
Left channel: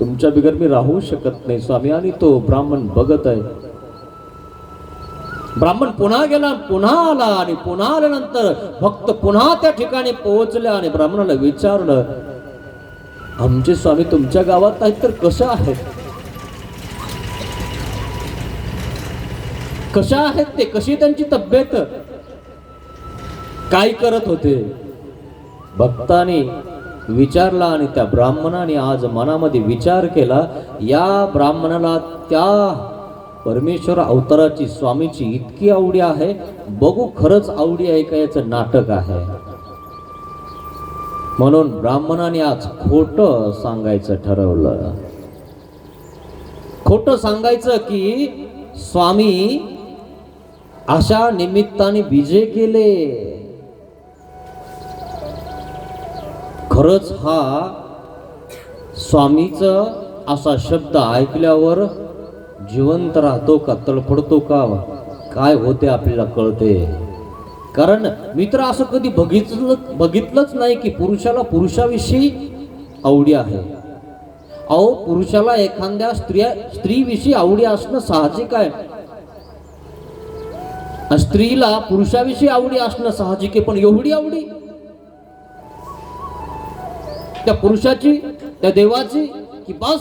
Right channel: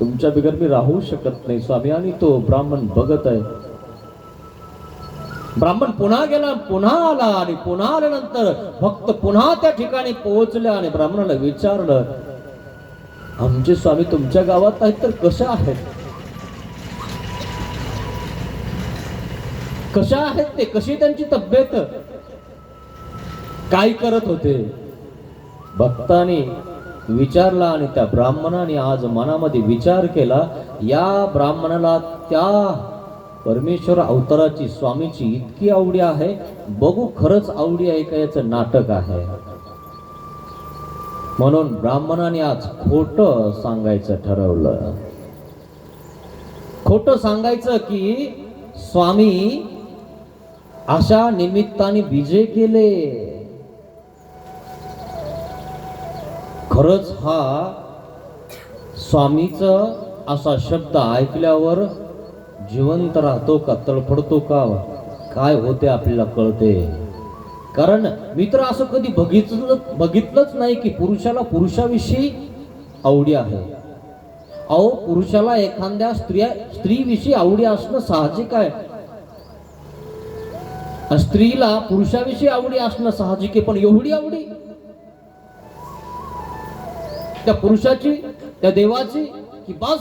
तुमच्या बिगर मी राहू शकत नाही स्वामी. आणि तो ब्राह्मण बघत आहे. ब्राह्मण पुन्हा गेला, पुन्हा आला आणि पुन्हा आल्यानंतर भक्त पुन्हा त्या ठिकाणी पोहोचले आणि ब्राह्मणाला विचारलं, आमचे स्वामी तुमच्या गावात आहेत तर कसं आहेत, कशा आहेत ते, कशी त्यांची तब्येत, काय करत होते? भक्ताने विचारला आणि त्या ब्राह्मणाने आज मनामध्ये विचार केला, या ब्राह्मणाला त्या परमेश्वर अवताराची स्वामीची इतकी आवडी आहे, बघू खरंच आवडी आहे का याचं नाटक आहे. म्हणून ब्राह्मणाने आज खोटं सांगायचं ठरवलं. खोटं सांगायचं की स्वामी अशा निमित्ताने विजय केले. खरंच हा स्वामीचा असा शब्द ऐकल्यावर जिवंत राहतो का, तळपडतो का, काय होते आपल्याला कळते. कारण मी तर असं कधी बघितलंच नाही की पुरुषाला पुरुषाविषयी आवडी आहे. अहो, पुरुषाला एखाद्या स्त्रीविषयी आवडी असणं साहजिक आहे, स्त्रीला पुरुषाविषयी आवडी असणं साहजिक आहे. पण एवढी आवडी त्या पुरुषाची, त्या देवाची, की बस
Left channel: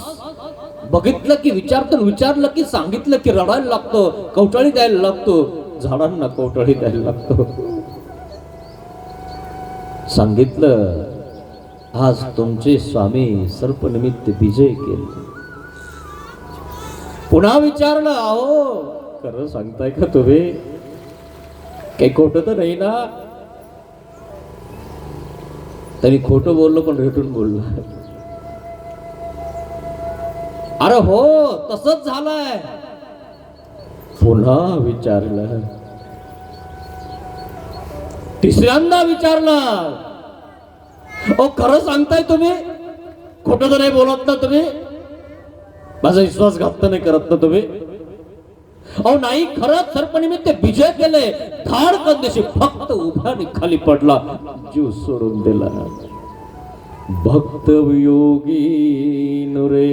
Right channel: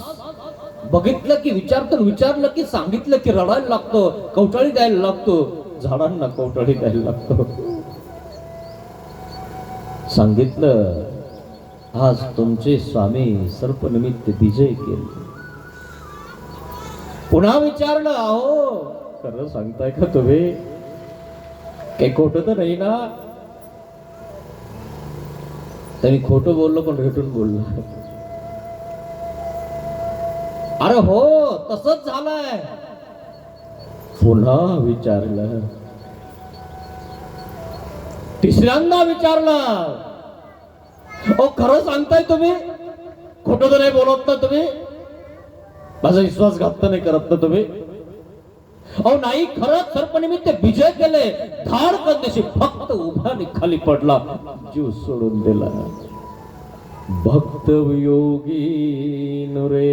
बघितलं की विचारलं की सांगितलं की रडायला लागतो, कवटाळी द्यायला लागतो, झाडांना कवटाळी द्यायला लागतो. सांगितलं आज तुमचे स्वामी सर्पनिमित्त विजय केले. पुन्हा विचारलं, अहो खरं सांगताय का तुम्ही, काही खोटं तर नाही ना? त्यांनी खोटं बोललं पण रेटून बोललं. अरे हो, तसंच झालंय. पुन्हा विचारलं, तिसऱ्यांदा विचारलं, ओ खरं सांगताय तुम्ही, खोटं तर नाही बोलत ना तुम्ही, माझा विश्वासघात नाही करत ना तुम्ही? अहो नाही, खरंच सर्पनिमित्त विजय केले. धाडकन दिवशी भक्त उभा खाली पडला, जीव सोडून दिला. भक्त वियोगी नुरे.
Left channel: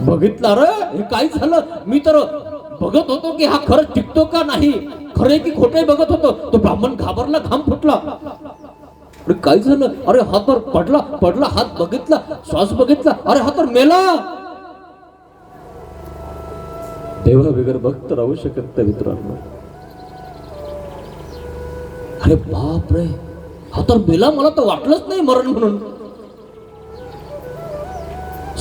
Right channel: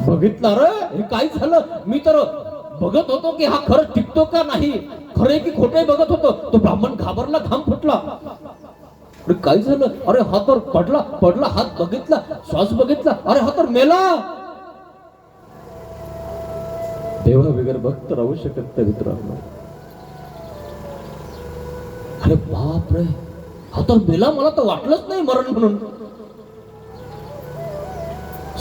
बघितलं रे, हे काय झालं? मी तर बघत होतो की हा खरं टिकतो का नाही, खरे की खोटे बघत होतो. तो ब्राह्मण घाबरला, घाम फुटला. अरे काय झालं? अरे हा तर पडला, हात बघितला, श्वास बघितला, अरे हा तर मेला. देवा बिगर भक्त राहू शकत नाही मित्रांनो. अरे बाप रे, हा तर मेला, मला तर वाटलंच नाही मरण म्हणून.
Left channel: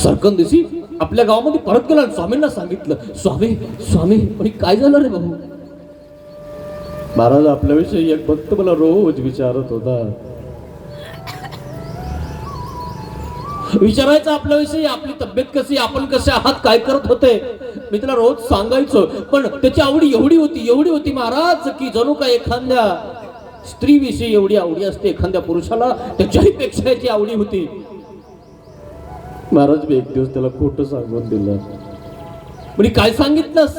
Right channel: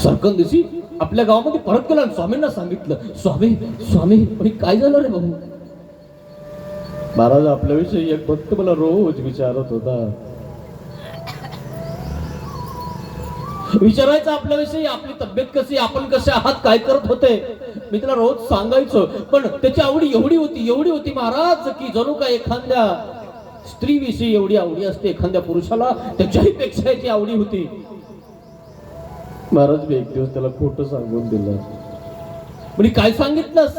सरकन दिवशी आपल्या गावामध्ये परत गेला, स्वामींना सांगितलं, स्वामी काय झालं रे भाऊ? महाराज आपल्याविषयी एक भक्त मला रोज विचारत होता. विचारायचं आपल्याविषयी, आपली तब्येत कशी, आपण कसे आहात, काय करत होते. मी त्याला रोज सांगायचो, पण त्याची आवडी एवढी होती महाराज, की जणू काय एखाद्या स्त्रीविषयी एवढी आवडी असते एखाद्या पुरुषाला, त्याच्याही पेक्षा याची आवडी होती. महाराज मी एक दिवस त्याला खोटं सांगून दिलं. म्हणजे काय सांगितलंस?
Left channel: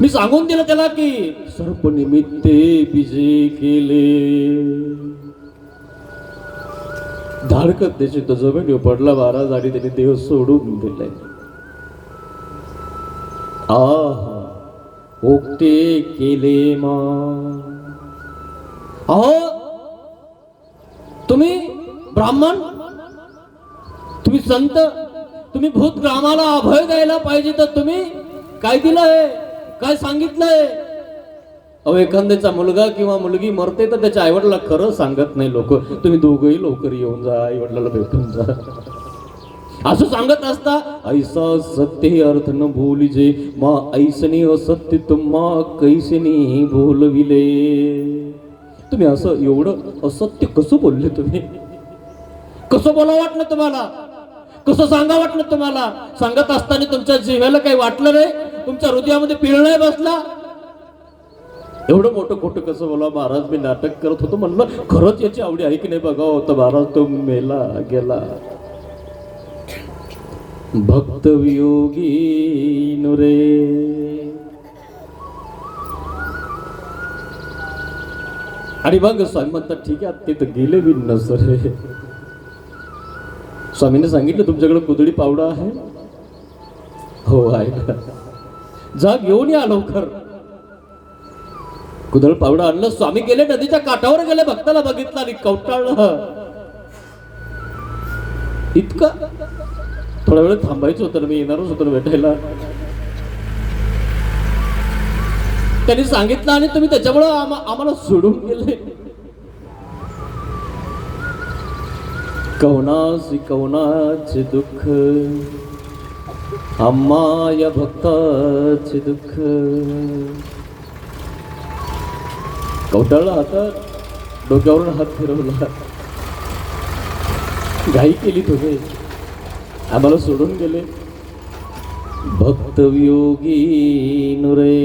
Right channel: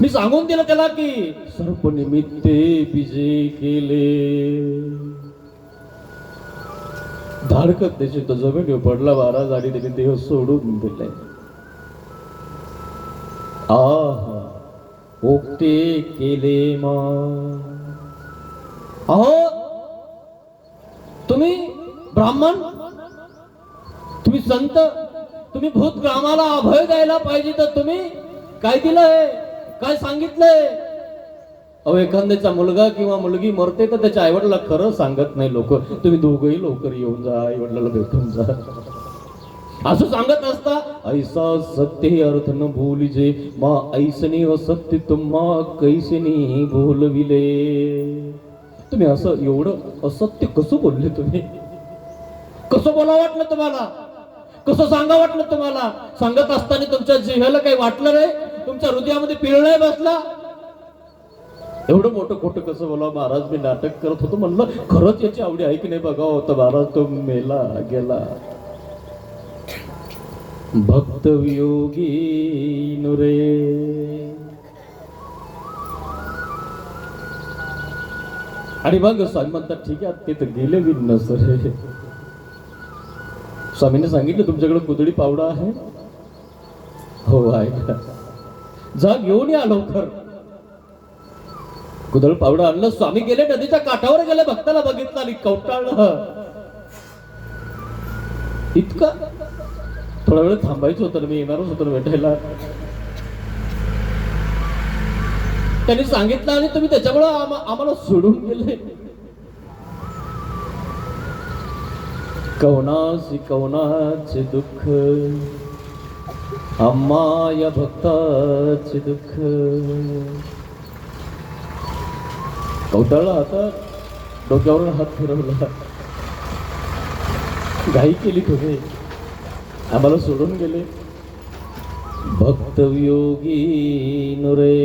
मी सांगून दिलं त्याला की सर्पनिमित्ते विजय केले. धाडकत त्याची तो जमिनीवर पडला महाराज आणि त्याने देह सोडून दिले. आहा ओक्ते केले मग. अहो तुम्ही ब्राह्मण, तुम्ही संत, तुम्ही भूतग्रामाला अभय द्यायला पाहिजे, तर तुम्ही काय दिलंय, काय सांगितलंय? अहो एखाद्याचा मुलगा किंवा मुलगी मरते तर त्याच्या आईवडिला खरं सांगत नाही लोक. तुम्ही दोघंही लवकर येऊन जा, आईवडिलाला भेटून जा असं सांगत असता. ऐसा सत्य अर्थ न भूलिजे मा ऐसनी असत्य तुम्हा कैसनी भूलविले. तुम्ही असं एवढं असत्य कसं बोलले? तुम्ही कसं बोला वाटलं तुम्हाला? कसं सांगा वाटलं तुम्हाला? सांगत असताना तुमच्या जिव्हाला काही वाटलं नाही? तुमच्या हृदयामध्ये पीळ नाही बसला? एवढं मोठं खोटं कसं बोला? महाराज मी नाटक करत होतो, म्हणलं खरंच याची आवडी आहे की नाही बघावं होतं. महाराज तो मेला गेला. भक्त वियोगी नुरे. आणि मग स्वामी म्हणतात ठीक आहे ते तर गेले बी नसरे. स्वामीने सांगितलं तुमच्याकडे कुदळी पावडा आहे? हो आहे का? जा घेऊन या लवकर. कुदळ पावडा आणलं. स्वामी गेले नदीच्या काठावर गेले. भक्ताला बघितलं आणि कवटाळलं. इतकं थोडा वेळ थांबायचं होतं, मी येणारच होतो भेटायला. त्यांनी सांगितलं आणि तुम्ही त्याच्यामुळे आम्हाला सोडून गेले. कवनाचे दुःख आम्हा या भक्ताचे दुःख. कवटाळला आता डोक्यावरून हात फिरवला. घाई केली तुम्ही, आम्हाला सोडून गेले. भक्त वियोगी नुरे.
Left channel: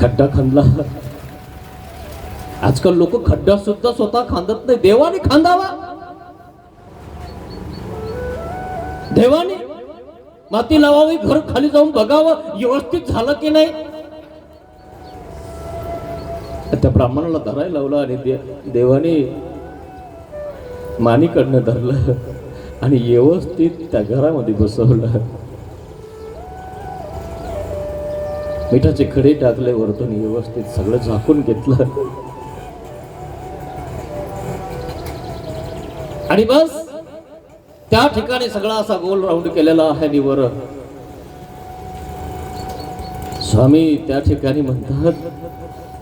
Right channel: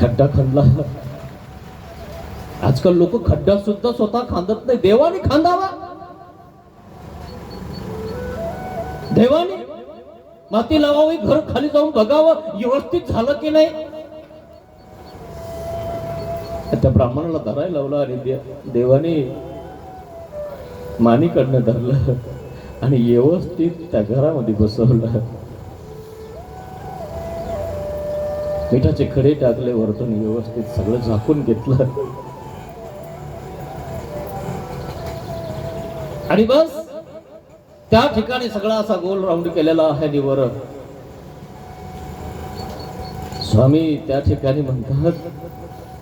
खड्डा खांदला. आजकाल लोक खड्डा सुद्धा स्वतः खांदत नाही. देवाने खांदावा. देवाने माती लावावी, घर खाली जाऊन बघावं व्यवस्थित झालं की नाही. त्या ब्राह्मणाला धरायला लावला आणि देवाने मानीकडनं धरलं आणि व्यवस्थित त्या घरामध्ये बसवलं. मिठाचे खडे टाकले वरतून, व्यवस्थित सगळं झाकून घेतलं. आणि बस त्या ठिकाणी सगळा असा गोल राऊंड केलेला आहे. आणि वर स्वामी त्या ठिकाणी म्हणतात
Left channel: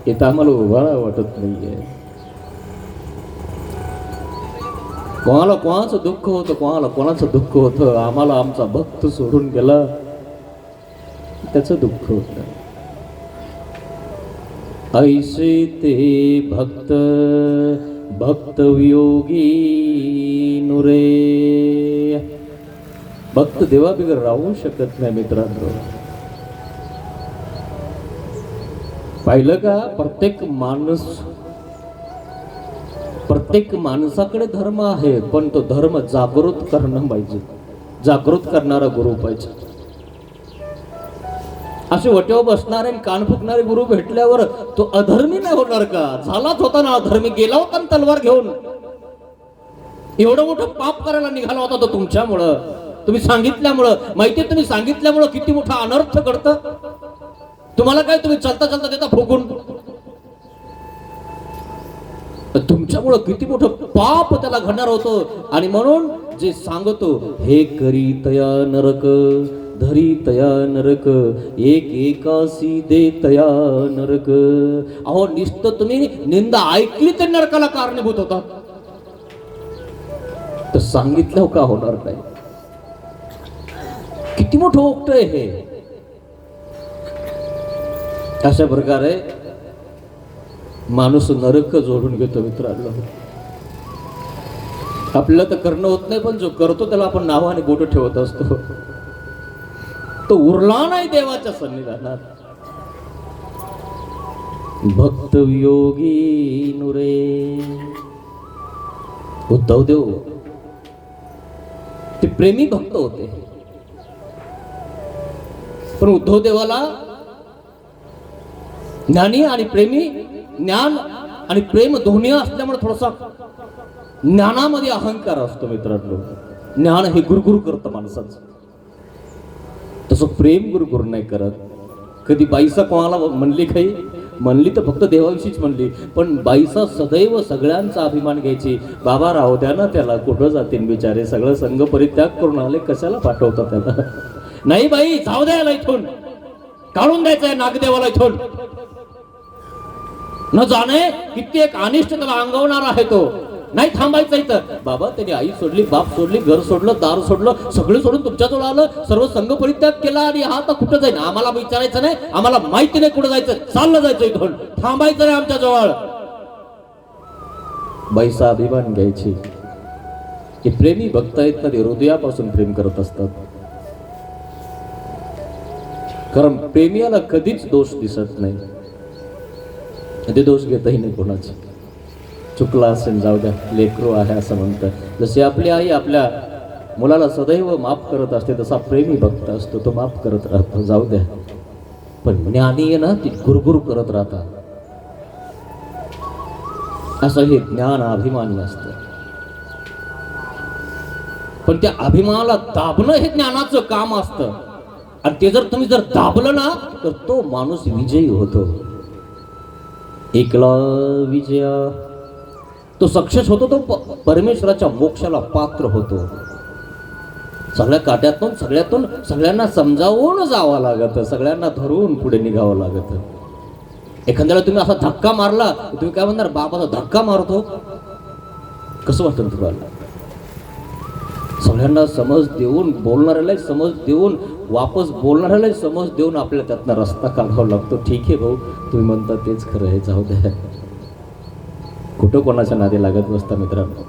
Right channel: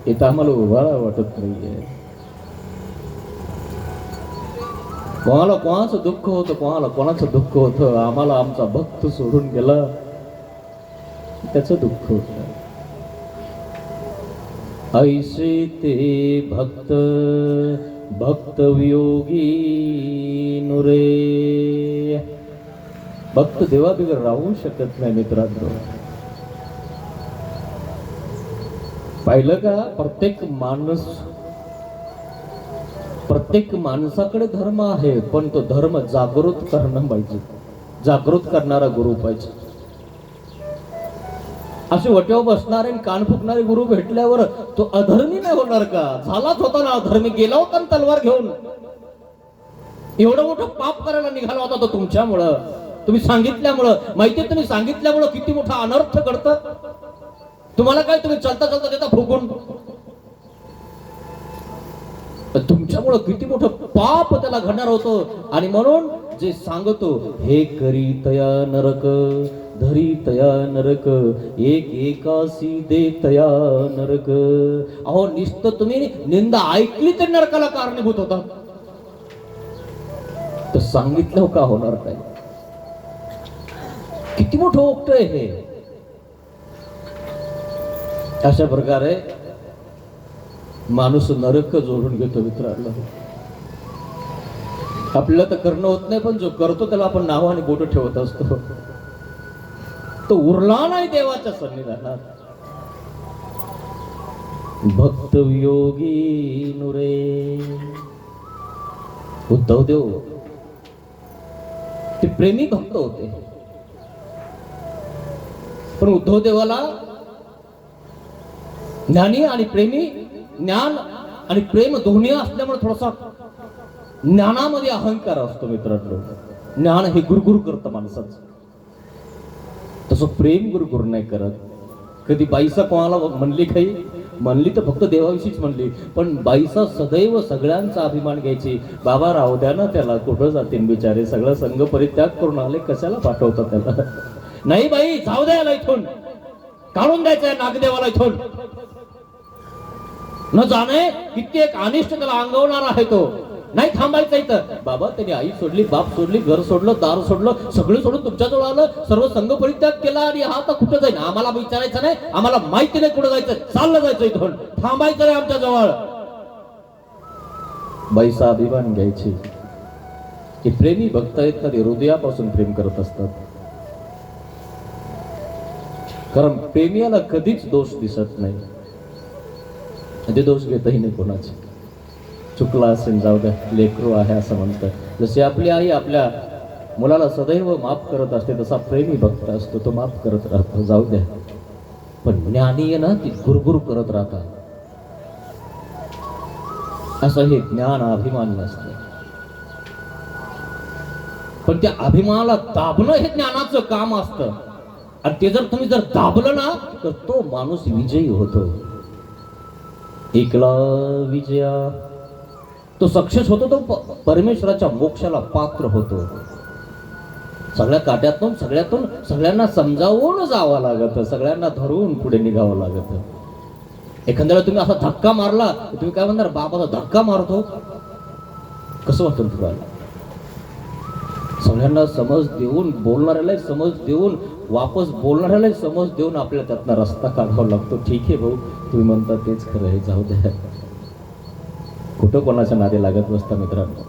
इथं आम्हाला उभारा वाटत नाहीये. कोणाला कोणाचं दुःख होतं, कोणाला कोणाचं दुःख होतं. आम्हाला आमचा भक्त सोडून गेला त्याचं दुःख होतं. ऐसे ते भक्त भक्त वियोगी नुरे. भक्त देवाबिगर राहू शकत नाही मित्रांनो. पाहिलं का? प्रत्येक माणसाकडे धर्म आहे, पण तो धर्म जागृत करणं पाहिजे. जागृत करणारा गुरु पाहिजे. असे वटेवर बसणारे आणि कान फुकणारे गुरु भेटल्यावर तो अधर्मी नाही होणार का? झालाच होता ना अधर्मी. गेला होता ना तलवार घेऊन. एवढं मोठं पाप करायला निघाला होता तो तुमच्यामुळं, तुम्ही सांगितल्यामुळं. माहिती तुम्ही सांगितल्यामुळं किती मोठा अनर्थ घडतं. तुम्हाला काय, तुम्ही चालता चालता देता फुकून. तुमच्यामुळं किती मोठं पाप त्याला घडणार होतं. आणि म्हणून जे सांगतो हे करी तया नरक धरी तया नरक एक एकासी दे तया नरक. अहो नुसतं तुम्ही निंदा ऐकली तर नरकाला कारणीभूत होता, तर सांगितलं का होणार काय? किती मोठं ओक्त आहे हे. अशा प्रकारे माणूस नरक जोडून घेतो मित्रांनो. आपल्याला तर करणं होत नाही, पण जो करतो त्याला आपण नावाने बोट ठेवत असतो. तो उरला नाही देवाच्या सन्निधानात. भक्त वियोगी नुरे. उद्धव देव ते प्रेमी भक्त होते, पण उद्धव देवाला ज्ञानी आणि प्रेमी, ज्ञान आणि प्रेम दोन्ही असल्यामुळे थोडासा ज्ञानामध्ये अहंकार असतो मित्रांनो. ज्ञान हे गुरगुर करतं माणसाचं. तसं प्रेम गुरु नाही करत. कधी बाईसा कोणाला म्हणली काही म्हणली तर फक्त देवाविषयीच म्हणली, पण बाईसा सदैव सगळ्यांचा अभिमान घ्यायची. बाबा राहू द्या ना त्याला, कुठं जातील बिचारे, सगळं संघ परित्याग करून आले, कशाला पाठवतात त्याला. नाही बाई जाऊ द्यायला इथून, काढून द्यायचंय नागदेवाला इथून. न जाणे कित्येक अनिष्ट त्याला अंगवणारा आहे तो. नाही थांबायचं इथं. बाबा त्यांनी आई सोडली, बाप सोडली, घर सोडलं, दार सोडलं, सगळं सोडून तुमच्याजवळ आलं, सर्व संघ परित्याग केला आणि हा तर कुठं जाईल, आम्हाला विचारायचं नाही, आम्हाला माहिती नाही कुठं जायचं, चाललं जायचं इथून, थांबायचं नाही आमच्या जवळ. बाईचा अभिमान घ्यायची. हे प्रेमी भक्त आहेत ना, ते हृदयापासून प्रेम करत असतात. कारण प्रेमियाला कधीच दोष दिसत नाही, ते दोष घेतही नाही कोणाचे. चुकला असेल जाऊ द्या, लेकरू आहे असं म्हणतात. जसे आपली आई आपल्या मुलाला सदैव माफ करत असते, तसा प्रेमी भक्त असतो, तो माफ करत राहतो, जाऊ द्या. पण ज्ञानी आहे ना, ती गुरगुर करत राहतात. असं हे ज्ञान अभिमानी असतं. पण त्या अभिमानाला दाबणं हे ज्ञानाचं काम असतं. आणि ते जर तुम्ही दाबलं ना, तर तो माणूस विजयी होतो. एकला विजय, तो सक्सेस होतो, तो परमेश्वराच्या मोक्षाला पात्र होतो. सगळ्या काट्यातून सगळ्यांना समजावून जावं लागत, सगळ्यांना धरून पुढे निघावं लागत. एखाद्याला तुम्ही असा धक्का मारला, तुम्ही काय म्हणणार, बापाचा धक्का मारतो, कसं वाटतं तुम्हाला? सगळ्यांना समज देऊन, बोलणाऱ्याला समज देऊन, वापस बोलणाऱ्याला समज देऊन आपल्याला त्यातनं रस्ता काढावा लागतो. ठीक आहे भाऊ, तुम्ही म्हणता तेच खरं आहे, जाऊ द्या. कुठं कोणाच्या नादी लागत बसता मित्रांनो.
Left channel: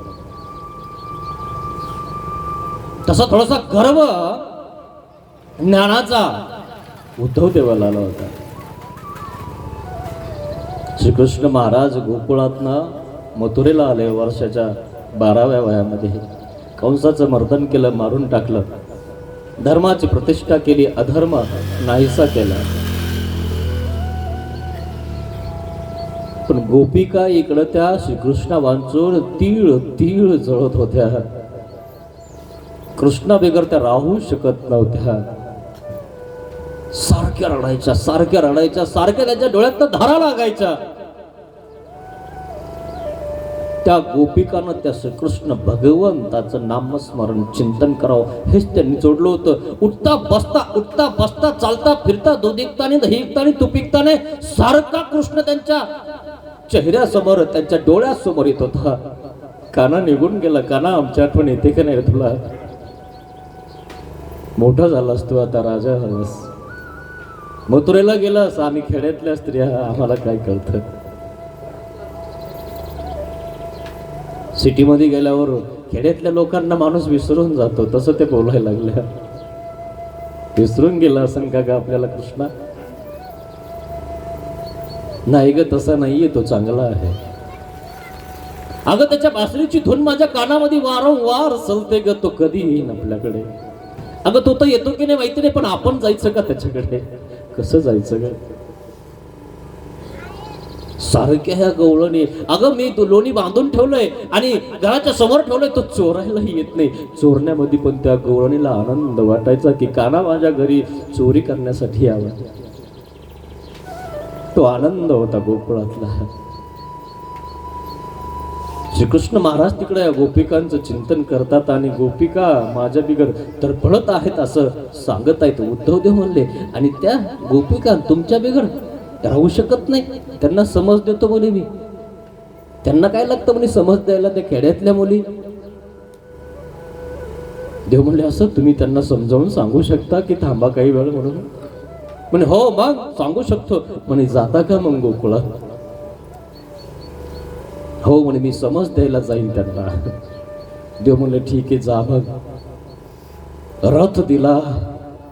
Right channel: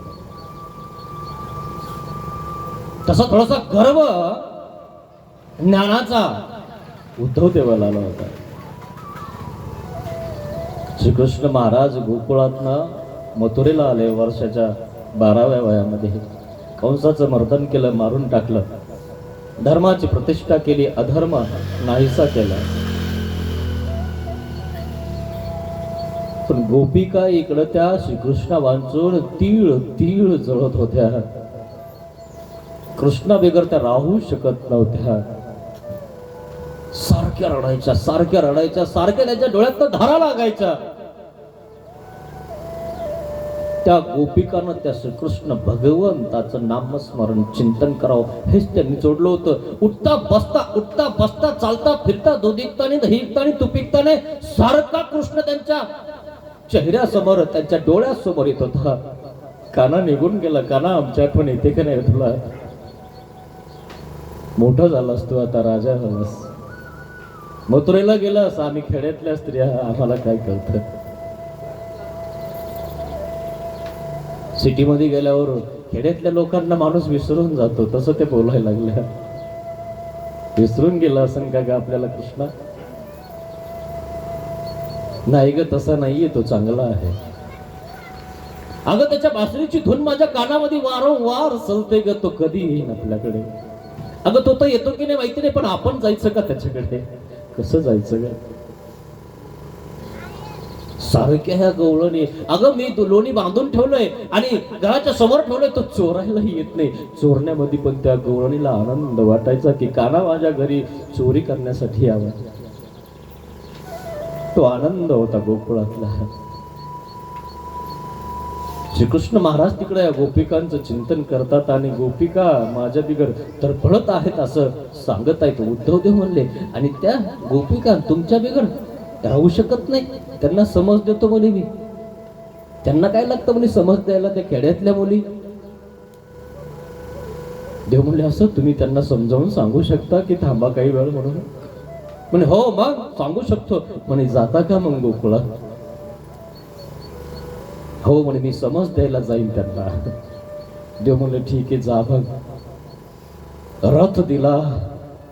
तसा थोडासा गर्व ज्ञानाचा उद्धव देवाला आला होता. श्रीकृष्ण महाराज गोकुळातनं मथुरेला आले वर्षाच्या 12व्या वयामध्ये. कंसाचं मर्दन केलं, मारून टाकलं, धर्माची प्रतिष्ठा केली, अधर्म नाहीसा केला. पण गोपिका इकडं त्या श्रीकृष्णा वांचून तीळ तीळ जळत होत्या. कृष्णा बेगर त्या राहू शकत नव्हत्या. सारख्या रडायच्या, सारख्या रडायच्या, सारख्या त्यांच्या डोळ्यात धारा लागायच्या. त्या गोपिकांना त्या श्रीकृष्ण भगवंताचं नामस्मरण चिंतन करावं हेच त्यांनी जोडलं होतं. उठता बसता चालता फिरता, दूध विकताने, दही विकताने, तूप विकताने, सारखा कृष्ण त्यांच्या चेहऱ्यासमोर, त्यांच्या डोळ्यासमोर येत होता. काना निघून गेला, काना आमच्या आठवण येते का नाही तुला? मोठा झालास तू, आता राजा झालास. मथुरेला गेलास, आम्ही खेड्यातल्या स्त्रिया, आम्हाला काय कळतं? सिटीमध्ये गेल्यावर खेड्यातल्या लोकांना माणूस विसरून जातो, तसं ते बोलायला लागले. विसरून गेला असं का ग आपल्याला कृष्णा? नाही ग, तसा नाहीये, तो चांगला आहे. अगं त्याच्या बासरीची धून माझ्या कानामध्ये वारंवार चलते ग, तो कधी येईन आपल्याकडे. अगं तो तर येतो की नाही माहिती नाही, पण आपण जायचं का त्याच्याकडे? कसं जायचं ग? सारख्या ह्या गवळणी, अगं मी लोणी बांधून ठेवलंय आणि घराच्या समोर ठेवलंय, तो चोरायलाही येत नाही. चोरण्यामध्ये पण त्या गवळणीला आनंद वाटायचा की काना माझ्या घरी चोरी करण्यासाठी यावा. तो आनंद होता गोकुळातला. श्रीकृष्ण महाराज तिकडे या गोपिकांचं चिंतन करतात आणि गोपिका माझ्या बिगर तडफडत आहेत असं सांगत आहेत. उद्धवदेव म्हणले, आणि त्या गोपिका तुमच्या बिगर राहू शकत नाही, त्यांना समज देतो म्हणे मी. त्यांना काय लागतं म्हणे समज द्यायला, त्या खेड्यातल्या मुली. देव म्हणले, असं तुम्ही त्यांना समजावून सांगू शकता की थांबा काही वेळ म्हणून? म्हणे हो मग सांगू शकतो. म्हणे जाता का मग गोकुळात? हो म्हणे, मी समज द्यायला जाईन त्यांना. देव म्हणले ठीक आहे, जा. मग रथ दिला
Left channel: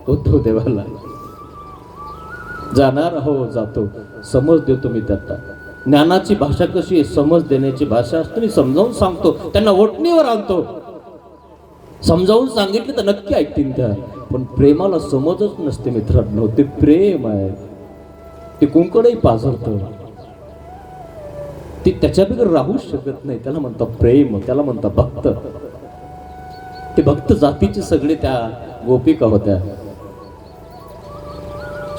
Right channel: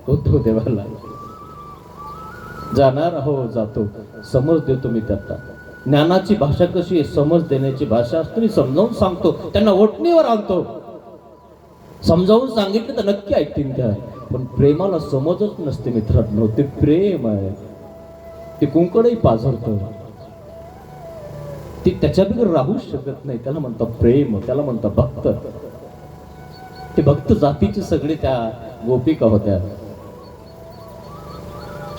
उद्धव देवाला. जाणार हो, जातो, समज देतो मी त्यांना. ज्ञानाची भाषा कशी आहे? समज देण्याची भाषा असते. मी समजावून सांगतो, त्यांना ओटणीवर आणतो. समजावून सांगितलं तर नक्की ऐकतील त्या. पण प्रेमाला समजच नसते मित्रांनो. ते प्रेम आहे, ते कुंकडही पाझरतं, ते त्याच्या बिगर राहू शकत नाही. त्याला म्हणतात प्रेम, त्याला म्हणतात भक्त. ते भक्त जातीचे सगळे त्या गोपिका होत्या.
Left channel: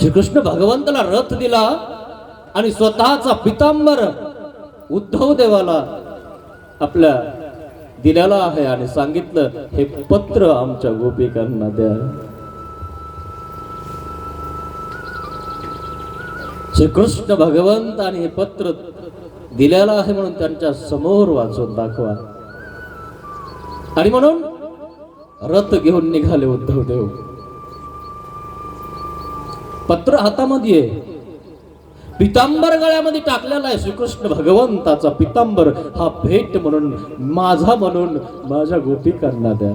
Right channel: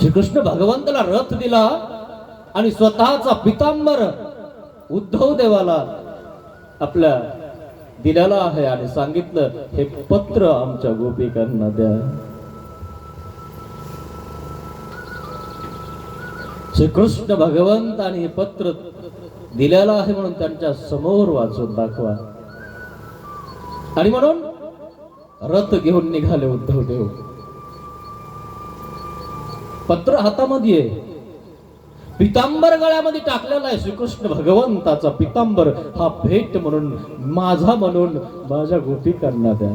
श्रीकृष्ण भगवंताला रथ दिला आणि स्वतःचा पितांबर उद्धव देवाला आपल्या दिलेला आहे आणि सांगितलं, हे पत्र आमच्या गोपिकांना द्या. श्रीकृष्ण भगवंत आणि हे पत्र दिलेलं आहे म्हणून त्यांच्या समोर वाचून दाखवा. आणि म्हणून रथ घेऊन निघाले उद्धव देव. पत्र हातामध्ये आहे, पितांबर गळ्यामध्ये टाकलेला आहे. श्रीकृष्ण भगवंताचा पितांबर हा भेट म्हणून, माझा म्हणून माझ्या गोपिकांना द्या.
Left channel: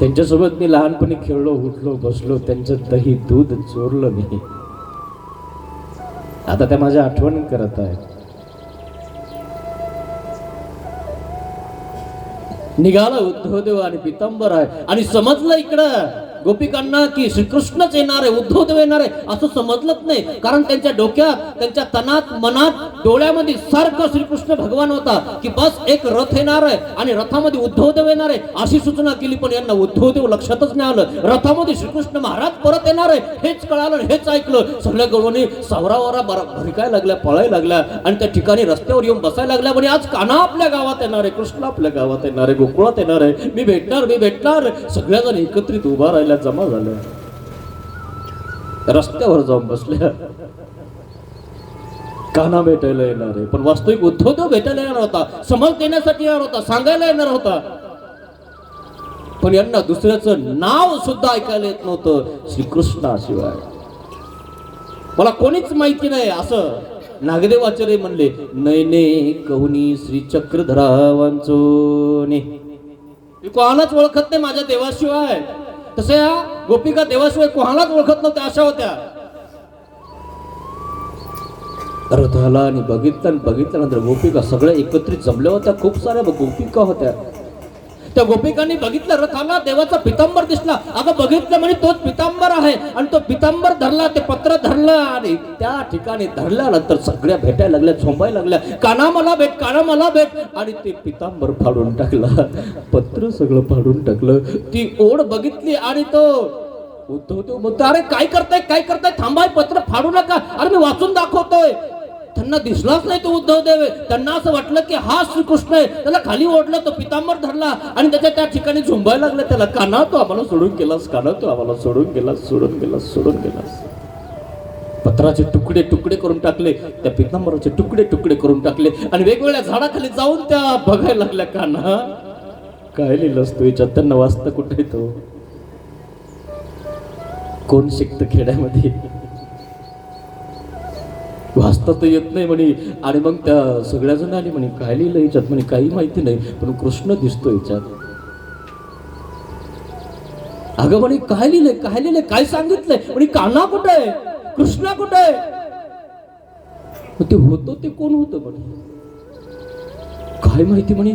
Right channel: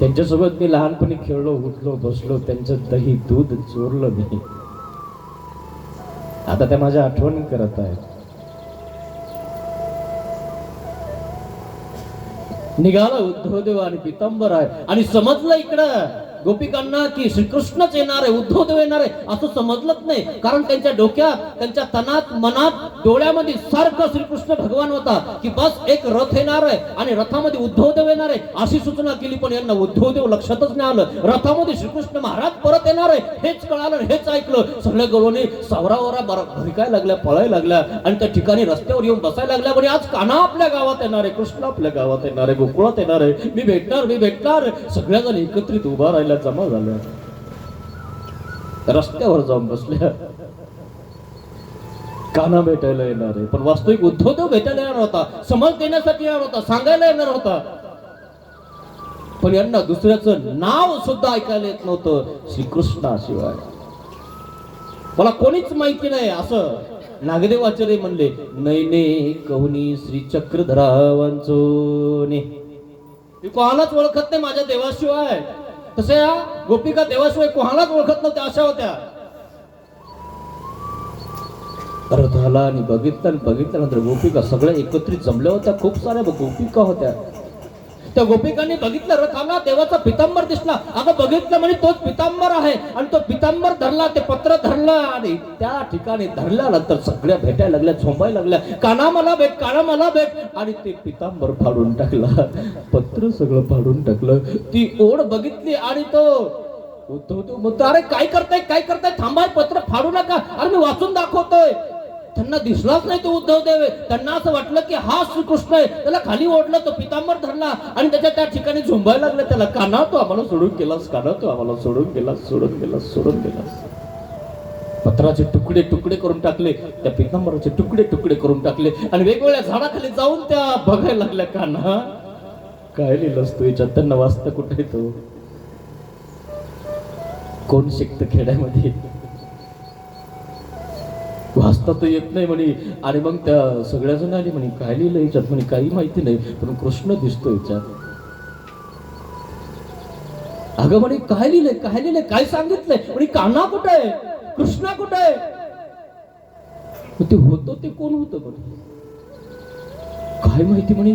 त्यांच्यासोबत मी लहानपणी खेळलो, उठलो, बसलो, त्यांचं दही दूध चोरलं मी. आता त्या माझ्या आठवण करत आहे. निघाला उद्धवदेव आणि पितांबर आहे आणि समजलं इकडं गोपिकांना की श्रीकृष्णच येणार आहे, उद्धवदेव येणार आहे असं समजलंच नाही. कारण त्यांच्या डोक्यात, त्यांच्या तनात, मनात, डोळ्यामध्ये सारखं श्रीकृष्ण भगवान होता की बस एक रथ येणार आहे आणि रथामध्ये उद्धवदेव येणार आहे अशी सूचना केली. पण यांना उद्धवदेव लक्षातच नाही आलं. रथामध्ये श्रीकृष्ण महाराज परत येणार आहे हेच कळालं, हेच ऐकलं. सगळ्या गवळणी सावरावरा भरकायला लागल्या, पळायला लागल्या आणि त्या ठिकाणी रस्त्यावर येऊन बसायला लागल्या. म्हणजे आज कान्हा आपल्या गावात येणार आहे, कृष्ण आपल्या गावात येणार आहे, गोकुळात येणार आहे, मी भेटणार, मी भेटणार. सगळ्याजण एकत्रित उभा राहिल्या, जमा झाल्या, रस्त्यावर जाऊन बसल्या. कान्हा भेटायला येणार आहे पण वास्तविक उद्धवदेव भेटायला येणार होता, समज देण्यासाठी येणार होता, सांगायला येणार होता. पण यांना दुसऱ्याचं नाव सुद्धा ऐकायला येत नव्हतं श्रीकृष्णाशिवाय. मला कोणीच माहिती नाही असं नागदेवाचार्य म्हणले. नैने कहूनी श्री चक्रधरा वांचोने, मी कोणालाच ओळखत नाही माझ्या देवाशिवाय. तसे या गोपिका देवाशिवाय कोणालाच ओळखत नव्हत्या, अशा होत्या. रथाला आणि बघितल्यानंतर गोपिका सगळ्या एकत्रित जमल्या होत्या. खूप साऱ्या गोपिका होत्या. त्या गोपिकांनी बघितलं, रथाला देवाचा पितांबर दिसला. अगं बघितलं म्हणजे तोच पितांबर आहे आणि तो पितांबर धरला, ते पत्र धरलं आणि त्या ठिकाणी धरल्यानंतर सगळ्या भेटायला लागल्या, झोंबायला लागल्या, काना मला भेट, काना मला भेट. आणि ते पितांबर फाडून टाकलं, पत्र सगळं फाडून टाकलं. ती ओढ बघितली आणि तो उद्धवदेव म्हणतो, अरे काय करताय, काय करताय, थांबाय, पत्र फाडू नका. अरे मी वाचून दाखवतोय. त्यांना दिसलाच नाही तो उद्धवदेव आहे. त्यांना असं वाटलं की हा श्रीकृष्ण आहे. त्याला खाली ओढलं, तो पितांबर धरला आणि त्याच्या त्या ठिकाणी झोंबायला लागलं. त्याला, कान्हा तू आम्हाला सोडून गेलास, कान्हा तू आम्हाला सोडून गेलास, सोडून गेलास, सोडून गेलास. पत्राचे तुकडे तुकडे करून टाकले, त्या पितांबराचे तुकडे तुकडे करून टाकले आणि वेगवेगळ्या झाडाखाली जाऊन त्या बघायला लागल्या. कान्हा काय लिहिलंस तू याच्यात? त्यांना वाचता कुठे तो? कोण शिकत खेड्यामध्ये? वाचता तर येत नाही म्हणे. आणि मग त्या सगळ्या जण आली म्हणे, काय लिहिलं याच्यात? म्हणे काही माहिती नाही पण कृष्ण दिसतो याच्यात. अगं म्हणे काय लिहिलंय, काय लिहिलंय, काय सांगितलंय? म्हणे कान्हा कुठे आहे, कृष्ण कुठे आहे? ते होतं ते कोण होतं म्हणे, काय माहिती म्हणे.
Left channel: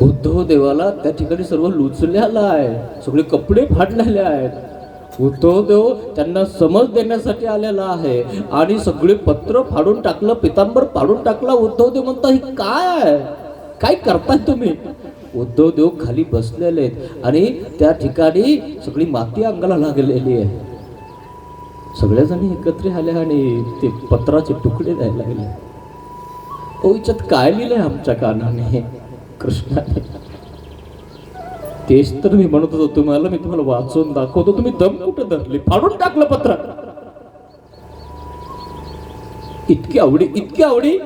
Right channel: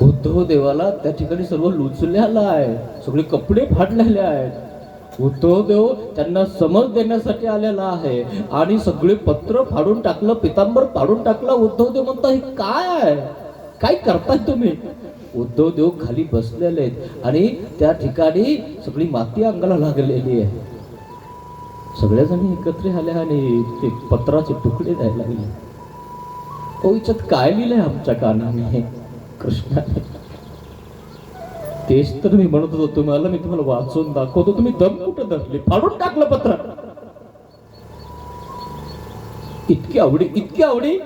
उद्धव देवाला त्या ठिकाणी सर्व लुचलेलं आहे, सगळे कपडे फाडलेले आहेत. उद्धवदेव त्यांना समज देण्यासाठी आलेला आहे आणि सगळे पत्र फाडून टाकलं, पितांबर फाडून टाकला. उद्धवदेव म्हणता, हे काय आहे, काय करताय तुम्ही? उद्धवदेव खाली बसलेले आहेत आणि त्या ठिकाणी सगळी माती अंगाला लागलेली आहे. सगळ्याजणी एकत्र आल्या आणि ते पत्राचे तुकडे द्यायला लागले. ओ याच्यात काय लिहिलंय आमच्या कानाने, कृष्णाने? तेच तर मी म्हणत होतो तुम्हाला, मी तुम्हाला वाचून दाखवतो. तुम्ही दम कुठं धरले? फाडून टाकलं पत्र. इतकी आवडी, इतकी आवडी.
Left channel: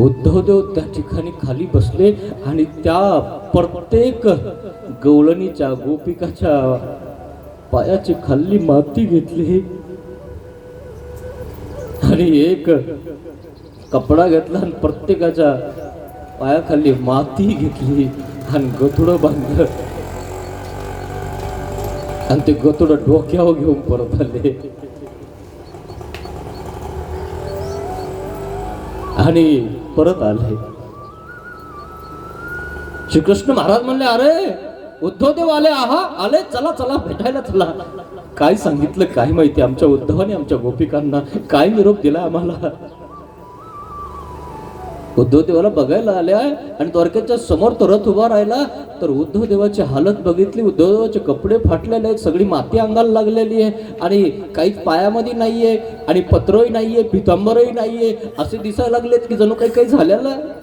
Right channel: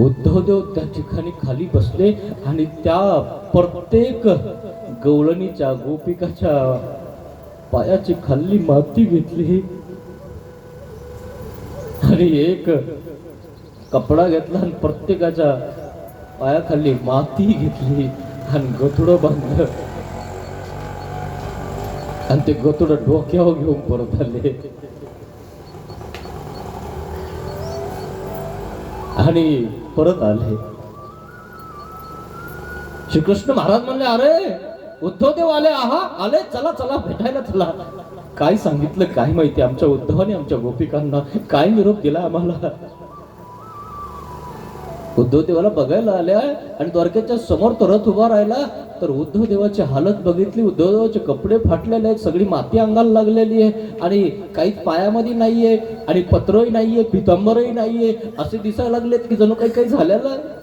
उद्धवदेव त्या ठिकाणी खाली बसले आणि त्या प्रत्येक गवळणीच्या, गोपिकाच्या पायाची खाली माती घेतली आणि एक कपडा घेतला आणि प्रत्येकाच्या पायाखाली माती घेतली आणि गतुडं बांधलं आणि ते गतुडं डोक्यावर घेऊन परत आले. आणि परत आले. श्रीकृष्ण महाराज म्हणले, अरे उद्धवदेव आले, आहा आले, चला चला भेटायला चला. काय सांगितलं काय माहिती, आमच्या उद्धवाने आमच्या गोपिकांना काय निरोप दिला आम्हाला. उद्धव देवाला बघायला आल्या आणि द्वारकेच्या समोर तो रथ उभा राहिला. तर उद्धव देवाची हालत बघितली. उद्धवचे कपडे फाटलेले आहेत, सगळी माती अंगाला लागलेली आहे आणि काहीच पायामध्ये नाहीये आणि पत्रही नाहीये, पितांबरही नाहीये, असे दिसायला लागलेत की जणू काही काही झालेलं आहे.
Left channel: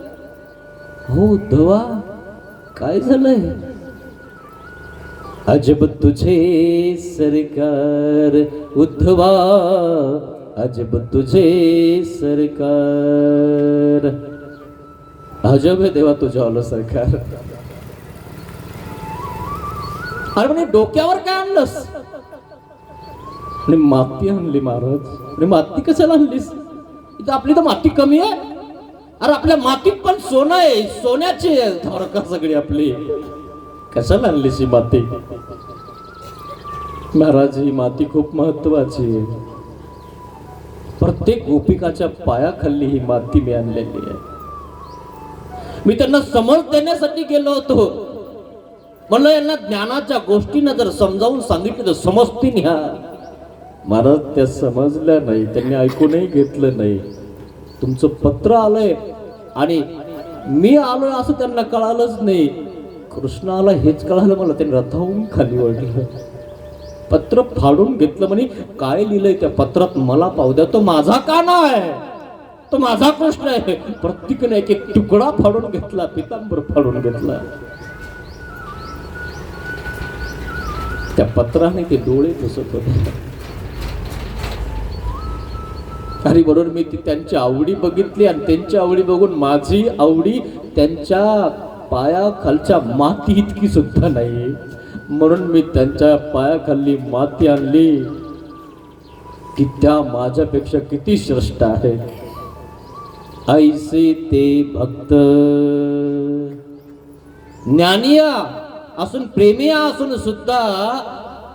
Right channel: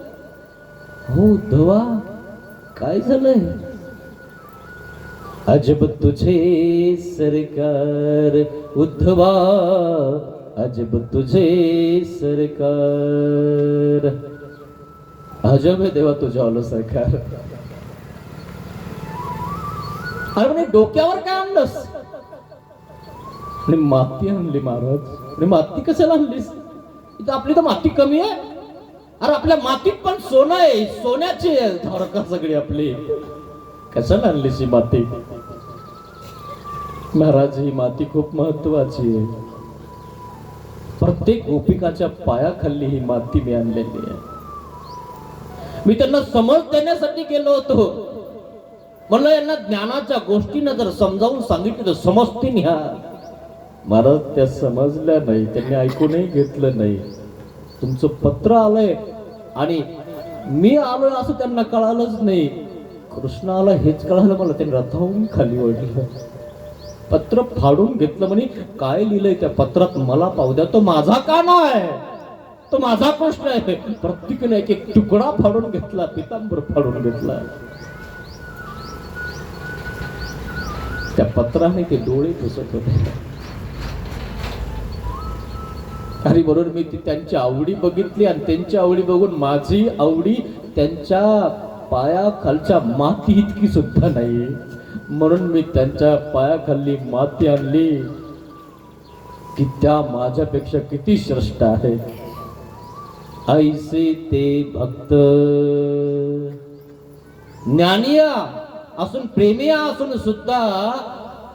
हो उद्धवा, काय झालंय? अजब तुझे सरकार उद्धवा, अजब तुझे सरकार. अजब आहे देवा तुझ्या आलं सरकार. अरे म्हणे डोक्यावर काय आणलंस? आणि माती आणली महाराज. आणि माती कशाला आणलीस? इथं आपली तर माती कमी आहे. अरे आपल्या मातीत पण सोनं आहे, सोन्याची आहे द्वारका सगळी आपली. कशाला आणलीस ही माती? महाराज ही माती खूप महत्वाची आहे. प्रत्येक गोपिकाच्या पायाखाली ही माती मी आणलेली आहे. मी त्यांना समज देण्यासाठी गेलो होतो. म्हणलं यांना ज्ञानाच्या गोष्टींना जर समजावून सांगितलं तर समजतील ह्या. महाराज त्या समजल्या नाही, त्यांनी ऐकूनही घेतलं नाही. तुमचं पत्र आलंय आणि मी आलोय असं त्यांना कळालंच नाही. कृष्ण आला हेच कळालं मला. त्यांनी रथावून खाली ओढलं, पत्र फाडून घेतलं. म्हणे काय लिहिलंय त्या पत्रात मला पाहू द्या. तो माझा का नाही, तो माझा प्रश्न आहे. प्रत्येकाने एक एक तुकडा फाडून घेतला, पितांबर फाडून घेतला. त्या पत्राने ते डोळे पुसत होते. आणि बरोबर मी ती त्यांची आवडी बघितली आणि त्यांची आवडी बघून माझी आवडी त्यांच्या पायाखालच्या माती इतकी सुद्धा नाही. म्हणून मी त्यांच्या पायाखाली माती आणली की त्या माझ्यापेक्षा किती श्रेष्ठ आहेत. ऐसे ते भक्त ज्ञानिया असून प्रेमिया असून सुद्धा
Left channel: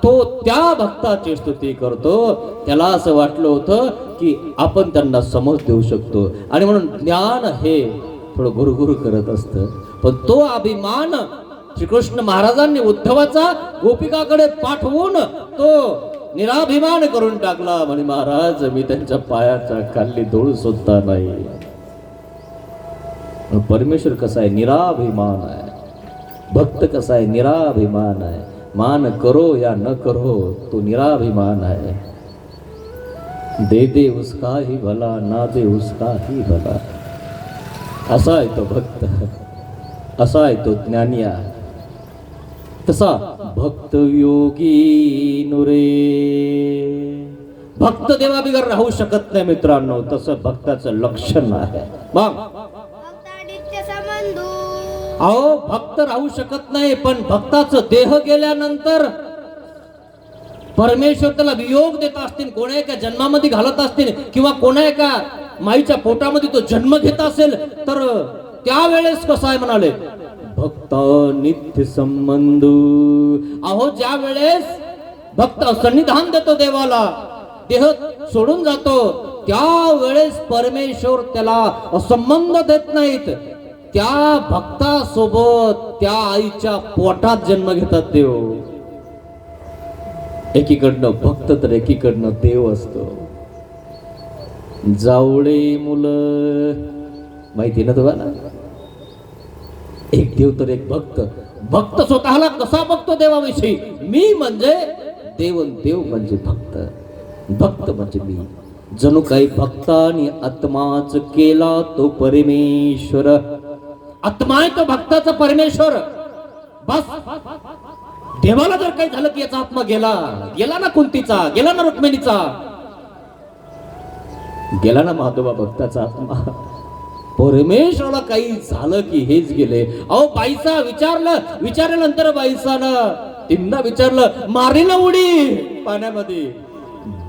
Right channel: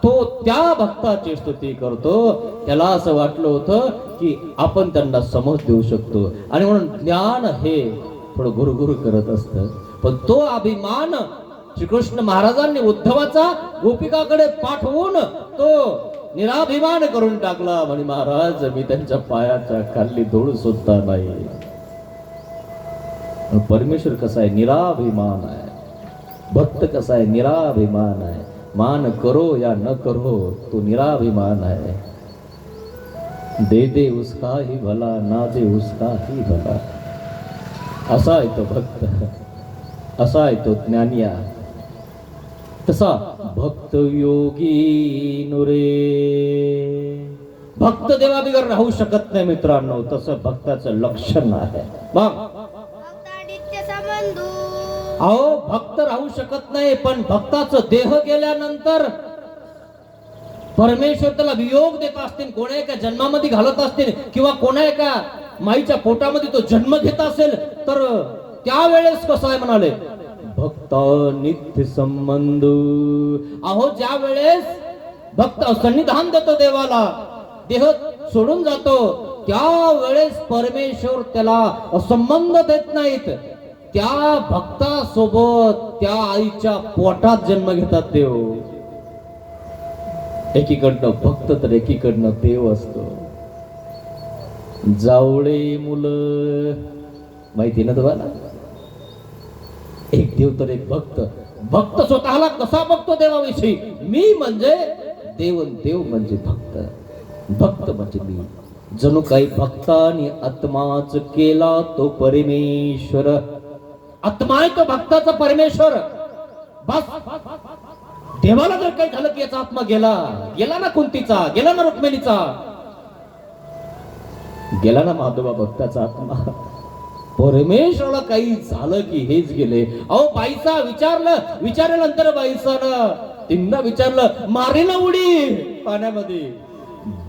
तो त्या भक्ताची स्तुती करतो. त्याला असं वाटलं होतं की आपण त्यांना समज देऊ शकतो आणि म्हणून ज्ञान हे थोडं गुरुगुरु करत असतं. पण तो अभिमान श्रीकृष्ण महाराजांनी उद्धवाचा गोपिकाकडे पाठवून तो निराभिमान करून टाकला. म्हणे महाराज मी त्यांच्या पायाच्या खाली धूळ सुद्धा नाही. परमेश्वर कसा आहे? निराभिमान आहे. भक्त कसा आहे? निराभिमान आहे. मान करो या न करो तो निराभिमान है. दे दे उसका ही भला, ना दे उसका ही भला. असा आहे तो भक्त, असा आहे तो ज्ञानिया. तसा भक्त योगी नुरे. भक्त देवाबिगर राहू शकत नाही मित्रांनो. तसं भक्ताचं लक्षण आहे. मग अहो भक्त राहू शकत नाही, पण भक्ताचं देह गेल्यानंतर परमेश्वर त्याला वियोग देत असतील. कोणा एका जन्मामध्ये घालत असतील किंवा कोणा एका माईच्या पोटामध्ये तो जन्म घेत असेल तर त्यावेळेस कसं आहे म्हणाले भक्त नित्य संबंध. अहो ज्या वेळेस भक्त सन्निधान देतो देवाला, देह सोडून जातो, त्यावेळेस परमेश्वर त्याला संबंध देत नाहीत. त्या भक्तासोबत त्या आईच्या पोटात जन्म घेतात देव. एकीकडनं भक्त तर एकीकडनं देव असतो. जावळे मुलं माहिती ना तुम्हाला? एक देव तर एक भक्त. भक्त स्वतःला कसा बघतो देवाविषयी? मी म्हणजे देव, देव म्हणजे भक्त, भक्त म्हणजे मी. जणू काही भक्तानी आत्माच केला तो परमेश्वर. आत्मा आहे तो भक्ताचा परमेश्वर. बस देवाला जर काही झालं की याचा आत्मा गेला, गेला ना कुंतीचा, गेला ना रुक्मिणीचा, गेला ना माधोबा भक्ताचा आत्मा. परमेश्वराला काही झालं की हेच गेले. अहो बाईचा विचारल्यानंतर बाईसानं तिनं विचारलं, मारीला उडी पाण्यामध्ये.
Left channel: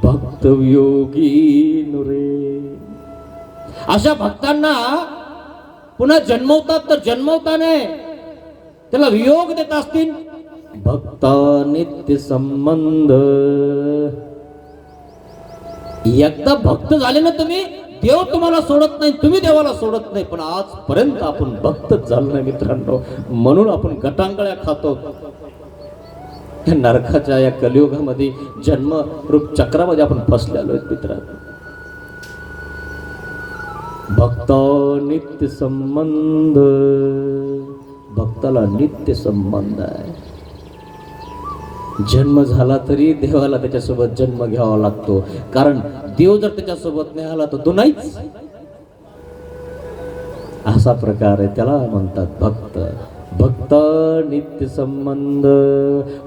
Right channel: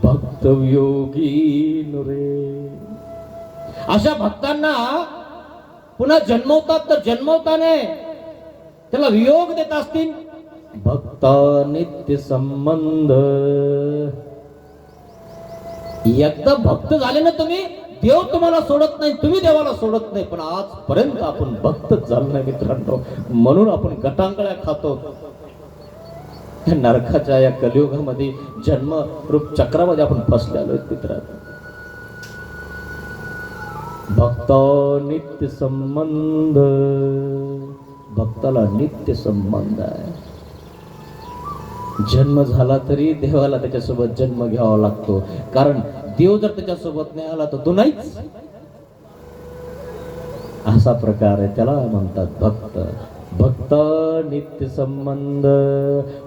भक्त योगी नुरे. अशा भक्तांना पुन्हा जन्मवतात तर जन्मवताने त्याला वियोग देत असतील. भक्ता नित्य संबंध. एकदा भक्त झाले ना तुम्ही, देव तुम्हाला सोडत नाही, तुम्ही देवाला सोडत नाही. पण आजपर्यंत आपण भक्तच झालो नाही मित्रांनो. म्हणून आपण गटांगळ्या खातो. या नरकाच्या या कलियुगामध्ये जन्म रूप चक्रामध्ये आपण फसलेलो आहेत मित्रांनो. भक्त नित्य संबंध, भक्ताला नित्य संबंध आहे. जन्म झाला तरी देवाला त्याच्यासोबत जन्म घ्यावा लागतो, कारण देव जर त्याच्यासोबत नाही आला तर तो नाहीच. असा प्रकार आहे, त्याला म्हणतात भक्त. भक्त नित्य संबंध,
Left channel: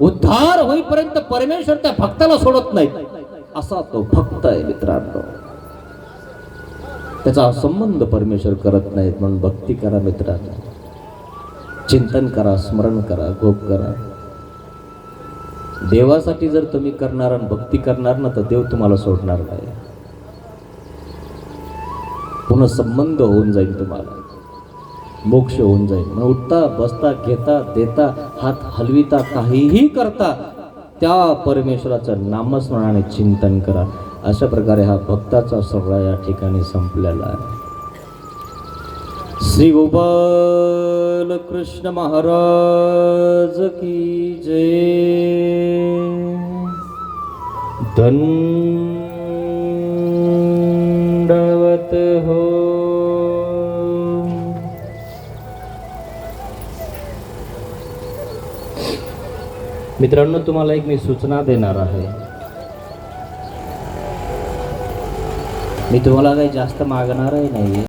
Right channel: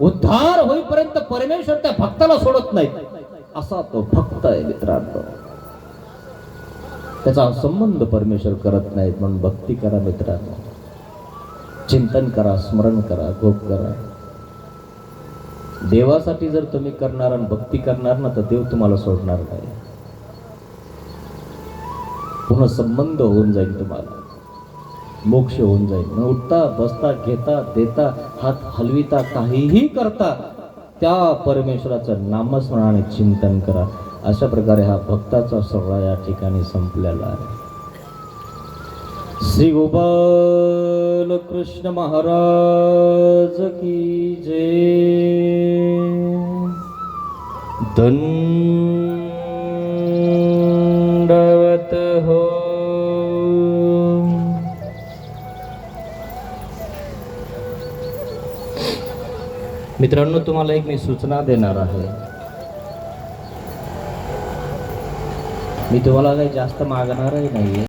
उद्धार होईपर्यंत परमेश्वर त्या भक्ताला सोडत नाही, असा तो भक्त आहे मित्रांनो. त्याचा संबंध परमेश्वर करत नाहीत, म्हणून भक्ती करा मित्रांनो. चिंतन करा, स्मरण करा, गोप करा. देवासाठी जर तुम्ही करणार आणि भक्ती करणार ना, तर देव तुम्हाला सोडणार नाही. पुन्हा संबंध होऊन जाईल, तुम्हाला मोक्ष होऊन जाईल. मग उठता बसता घेता देता हात हलविता काहीही करता त्या परमेश्वराचं नामस्मरणाने चिंतन करा. अशा प्रकारे हा भक्ताचा सगळा या ठिकाणी संपलेला आहे. श्री गोपाल कृष्ण महाराज की जय. दंडवत हो. मित्रांनो, तुम्हाला एक मी सूचना देणार आहे. मी तुम्हाला काही जास्त मागणारही नाही.